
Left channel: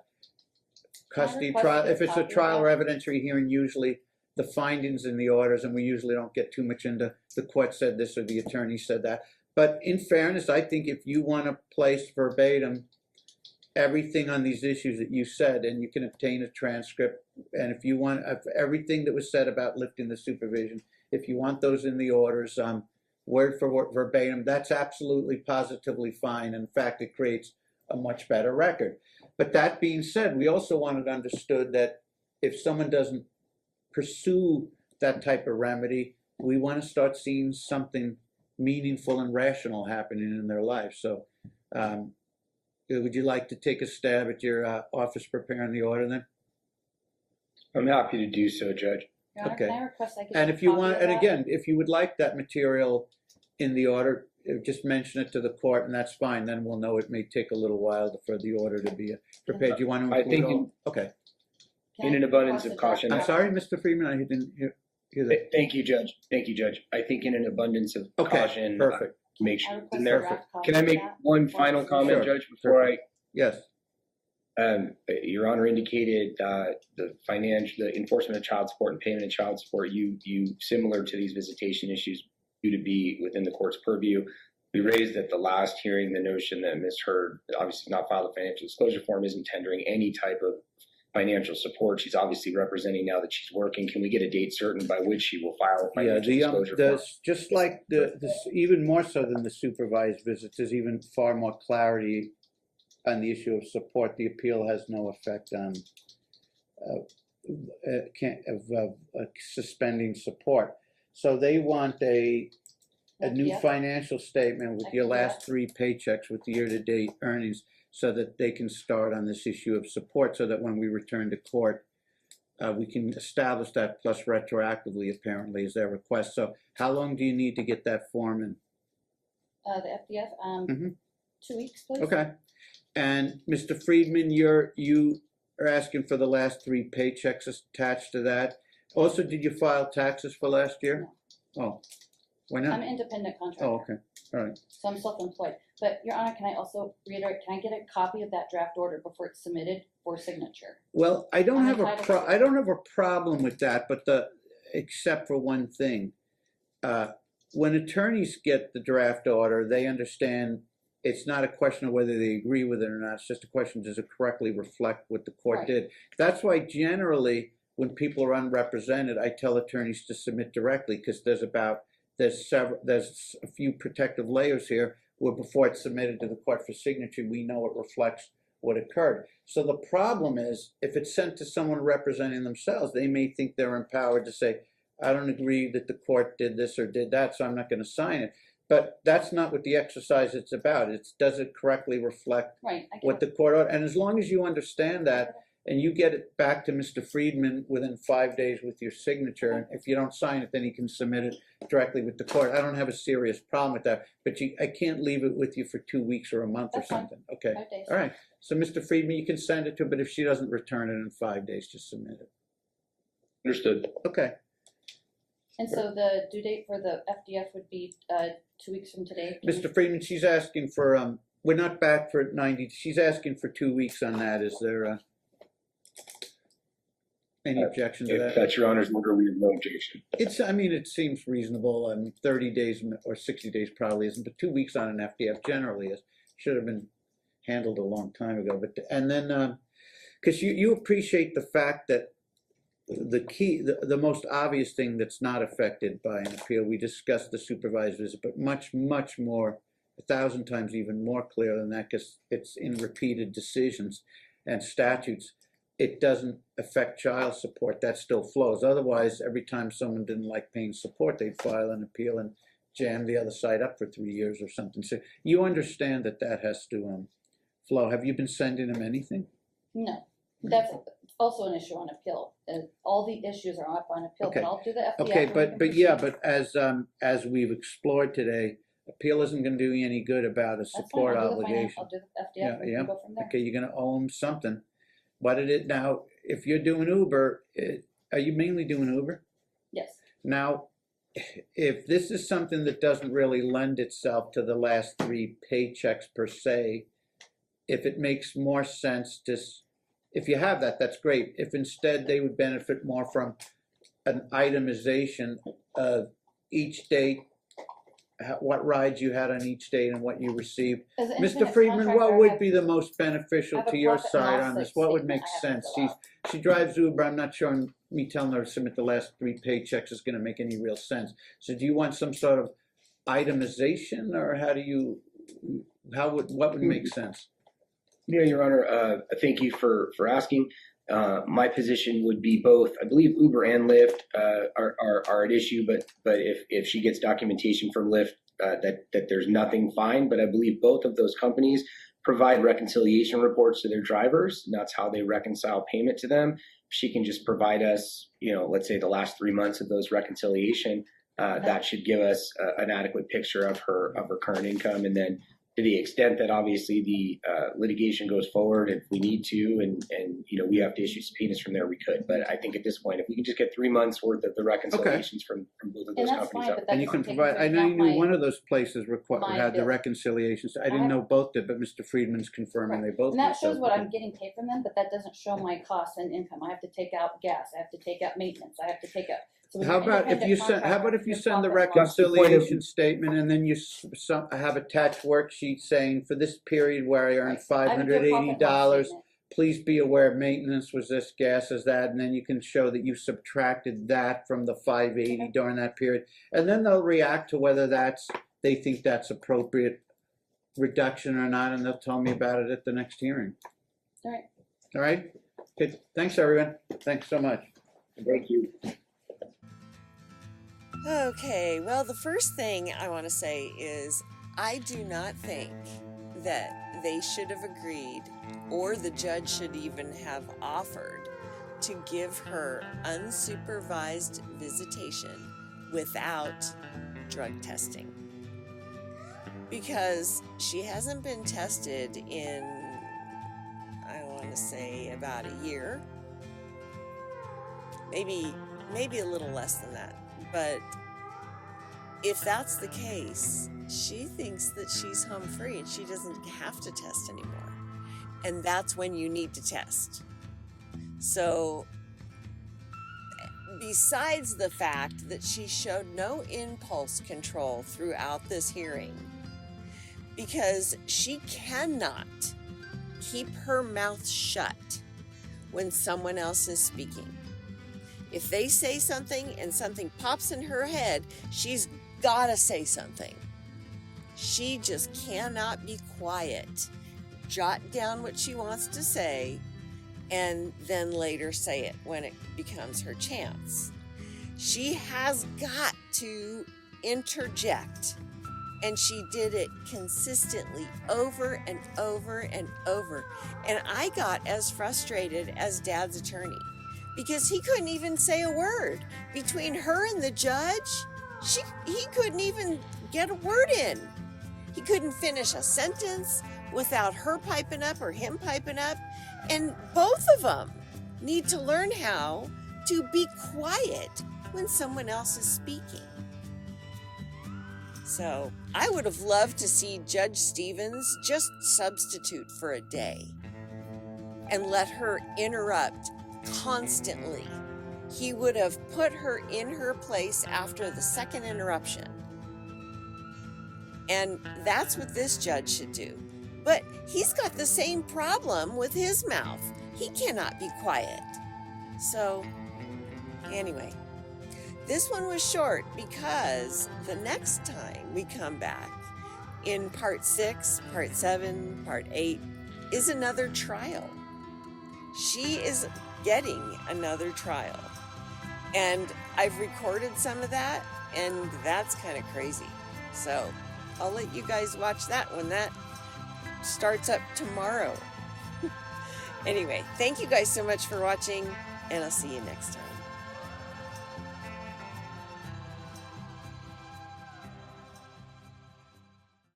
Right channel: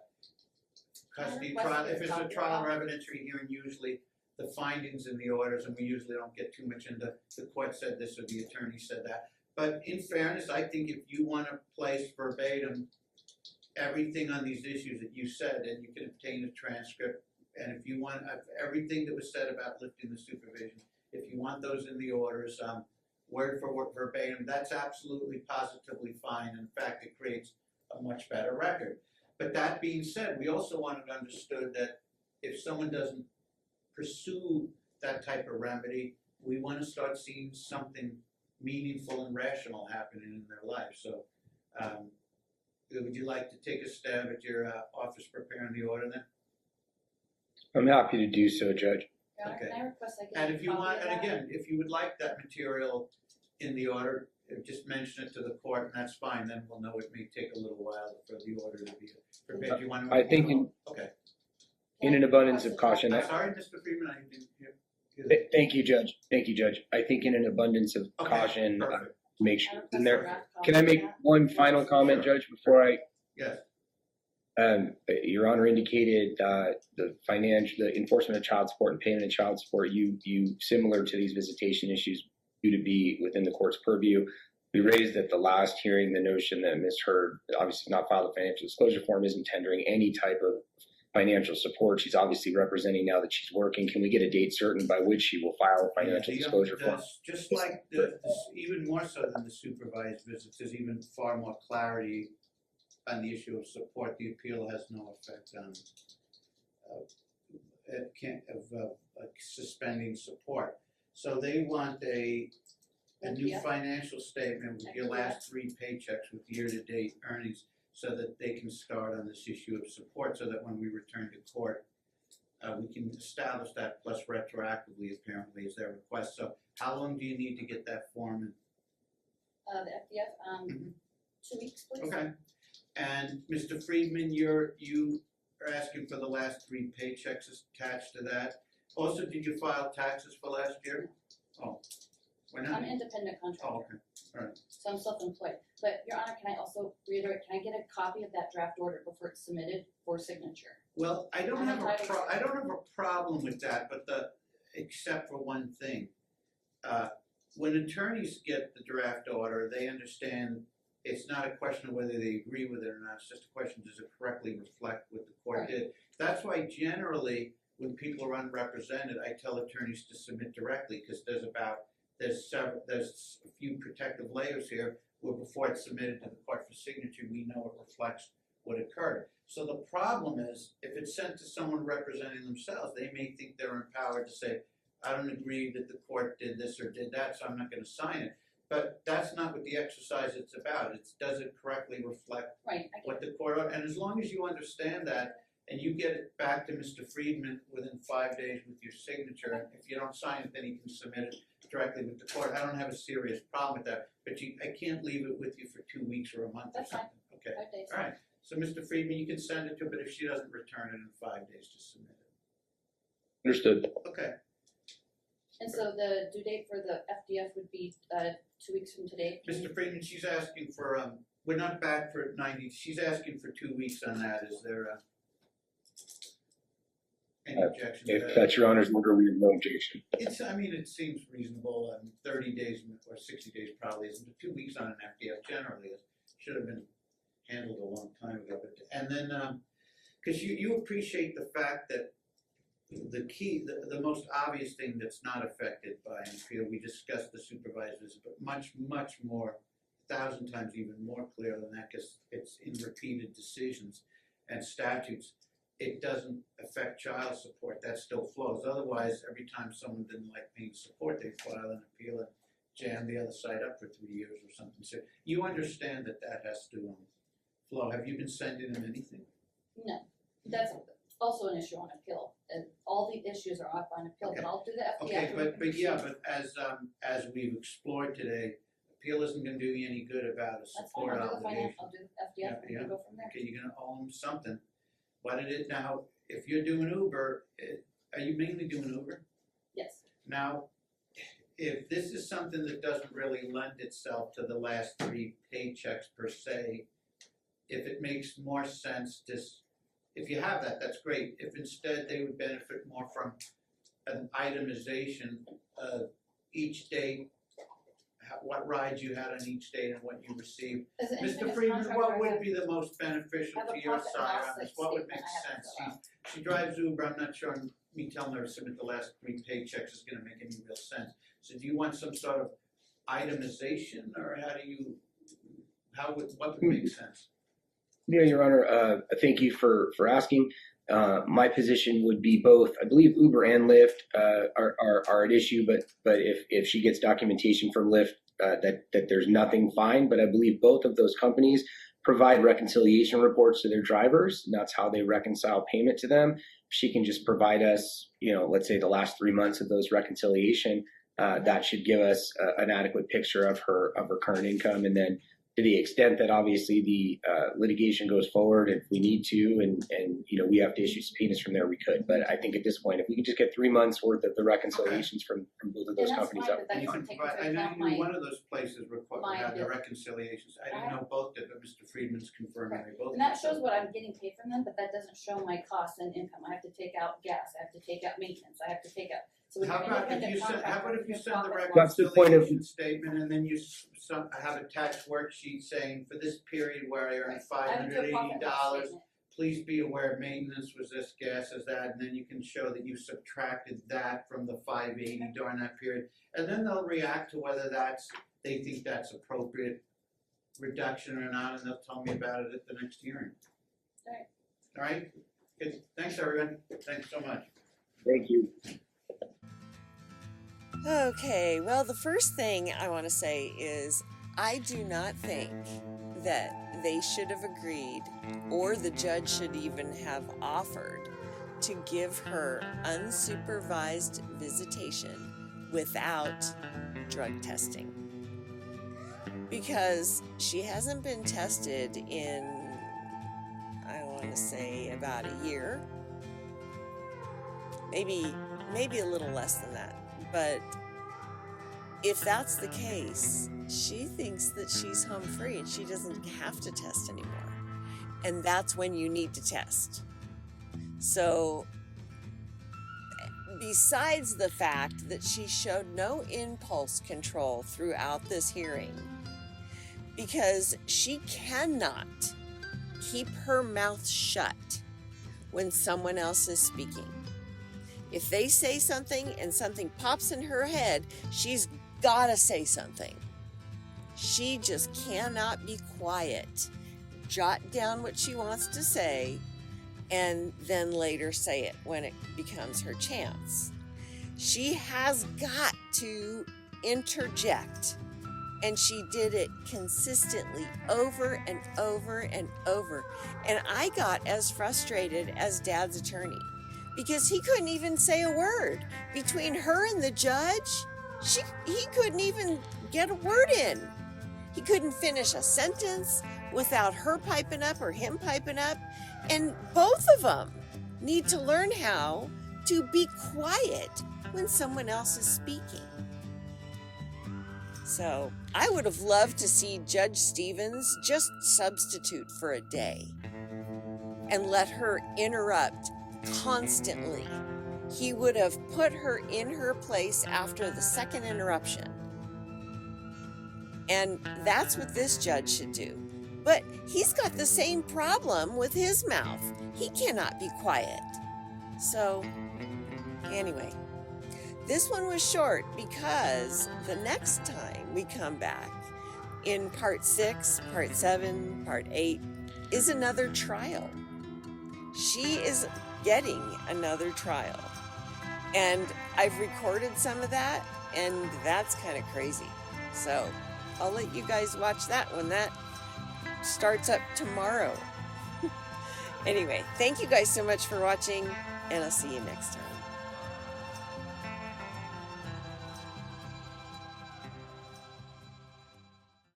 custody trial, if it's a trial or evidentiary hearing, usually the findings in the orders, and we usually don't get too much into the court said this or the attorney said that. But in fairness, I think if you want to place verbatim everything on these issues that you said, and you can obtain a transcript, and if you want everything that was said about lifting the supervision, if you want those in the orders, word for word, verbatim, that's absolutely positively fine. In fact, it creates a much better record. But that being said, we also want it understood that if someone doesn't pursue that type of remedy, we want to start seeing something meaningful and rational happening in their life. So would you like to take a stab at your office preparing the order then? I'm happy to do so, Judge. Your Honor, Okay. can I request I get And a if you copy want, of and that? again, if you would like that material in the order, just mention it to the court, and that's fine. Then we'll know it may take a little while for the order to be prepared. Do you want to I include think all? Okay. Can in an I abundance request of a caution, I'm draft sorry, Mr. Freeman, I didn't hear that. Thank you, Judge. Thank you, Judge. I think in an abundance of Okay, caution, perfect. make I sure request it's in a there. draft copy Can I of make that one before final it's comment, Sure. Judge, before Yes. Your Honor indicated the enforcement of child support and payment of child support, you similar to these visitation issues, due to be within the court's purview. We raised at the last hearing the notion that Ms. Hurd obviously not filed a financial disclosure form, isn't tendering any type of financial support. She's obviously representing now that she's working. Can we get a date certain by which she will file a financial disclosure form? Just like even more so than the supervised visits, there's even far more clarity on the issue of support. The appeal has no effect on suspending support. So they want a new Yeah. financial statement with your last 3 paychecks with year-to-date earnings, so that they can start on this issue of support, so that when we return to court, we can establish that, plus retroactively, apparently, is their request. So how long do you need to get that form in? The FDF, 2 weeks, please. Okay. And Mr. Friedman, you are asking for the last 3 paychecks attached to that. Also, did you file taxes for last year? No. Oh, why I'm not? an independent contractor. Oh, okay. All right. So I'm self-employed. But Your Honor, can I also reiterate, can I get a copy of that draft order before it's submitted for signature? Well, I don't I'm have entitled to I don't have a problem with that, but except for one thing. When attorneys get the draft order, they understand it's not a question of whether they agree with it or not. It's just a question, does it correctly reflect what the court Right. did? That's why generally when people are unrepresented, I tell attorneys to submit directly, because there's a few protective layers here where before it's submitted to the court for signature, we know it reflects what occurred. So the problem is, if it's sent to someone representing themselves, they may think they're empowered to say, I don't agree that the court did this or did that, so I'm not going to sign it. But that's not what the exercise is about. It's, does it correctly reflect Right. I what the court ordered? And as long as you understand that, and you get it back to Mr. Friedman within 5 days with your signature. If you don't sign it, then he can submit it directly with the court. I don't have a serious problem with that, but I can't leave it with you for 2 weeks or a month or That's fine. something. Okay. 5 days. All right. So, Mr. Friedman, you can send it to her, but if she doesn't return it in 5 days, just submit it. Understood. Okay. And so the due date for the FDF would be 2 weeks from today. Mr. Friedman, she's asking for, we're not back for 90, she's asking for 2 weeks on that. Is there any objection to If that? that's your Honor's order, we have no objection. I mean, it seems reasonable. 30 days or 60 days probably isn't, but 2 weeks on an FDF generally is. Should have been handled a long time ago. But and then, because you appreciate the fact that the key, the most obvious thing that's not affected by an appeal, we discussed the supervised visit, but much more, 1,000 times even more clear than that, because it's in repeated decisions and statutes. It doesn't affect child support. That still flows. Otherwise, every time someone didn't like paying support, they'd file an appeal and jam the other side up for 3 years or something. So you understand that that has to flow. Have you been sending them anything? No, that's also an issue on appeal. All the issues are up on appeal, Okay. but I'll do the FDF. Okay, but as we've explored today, appeal isn't going to do you any good about a support obligation. I'll do the FDF. We can go from there. Okay, you're going to owe them something. What did it now? If you're doing Uber, are you mainly doing Uber? Yes. Now, if this is something that doesn't really lend itself to the last 3 paychecks per se, if it makes more sense to, if you have that, that's great. If instead they would benefit more from an itemization of each date, what rides you had on each date and what you received. As an Mr. independent Friedman, contractor, what I would have- be the most beneficial I have to a your profit and side loss on this? What would make statement I have sense? to fill out. She drives Uber. I'm not sure me telling her to submit the last 3 paychecks is going to make any real sense. So do you want some sort of itemization, or what would make sense? Yeah, Your Honor, thank you for asking. My position would be both. I believe Uber and Lyft are at issue, but if she gets documentation from Lyft that there's nothing, fine. But I believe both of those companies provide reconciliation reports to their drivers, and that's how they reconcile payment to them. She can just provide us, let's say the last 3 months of those reconciliation. That should give us an adequate picture of her current income, and then to the extent that obviously the litigation goes forward, if we need to, and we have to issue subpoenas from there, we could. But I think at this point, if we can just get 3 months worth of the reconciliations from both of those companies fine, up. but that And you can doesn't take provide, I into know you account knew one of those places my had the bill. reconciliations. I didn't know both did, but Mr. Friedman's confirming they both And that did, so- shows what I'm getting paid from them, but that doesn't show my costs and income. I have to take out gas, I have to take out maintenance, I have to take out. So when How you're about if you independent send, how about if contractor, you your send the profit and loss- That's the point of- reconciliation statement and then you have attached worksheet saying for this period where I earned Right. I would do a profit and loss $580, statement. please be aware maintenance was this, gas is that, and then you can show that you subtracted that from the 580 during that period. And then they'll react to whether they think that's appropriate reduction or not, and they'll tell me about it at the next hearing. All right. All right? Okay, thanks everyone. Thanks so much. Thank you. Okay, well, the first thing I want to say is I do not think that they should have agreed, or the judge should even have offered, to give her unsupervised visitation without drug testing. Because she hasn't been tested in, I want to say, about a year. Maybe a little less than that. But if that's the case, she thinks that she's home free and she doesn't have to test anymore. And that's when you need to test. So, besides the fact that she showed no impulse control throughout this hearing, because she cannot keep her mouth shut when someone else is speaking. If they say something and something pops in her head, she's gotta say something. She just cannot be quiet. Jot down what she wants to say and then later say it when it becomes her chance. She has got to interject And she did it consistently over and over and over. And I got as frustrated as Dad's attorney because he couldn't even say a word. Between her and the judge, he couldn't even get a word in. He couldn't finish a sentence without her piping up or him piping up. And both of them need to learn how to be quiet when someone else is speaking. So I would have loved to see Judge Stevens just substitute for a day and let her interrupt constantly. He would have put her in her place after the second interruption. And that's what this judge should do. But he's got the same problem with his mouth. He cannot be quiet. So anyway, this one was short because the next time we come back in part 6, part 7, part 8 is another trial. She is getting another trial. And I've recorded some of that, and that's kind of crazy. So I'll let you guys watch that when that starts up tomorrow. Anyway, thank you guys so much for watching, and I'll see you next time.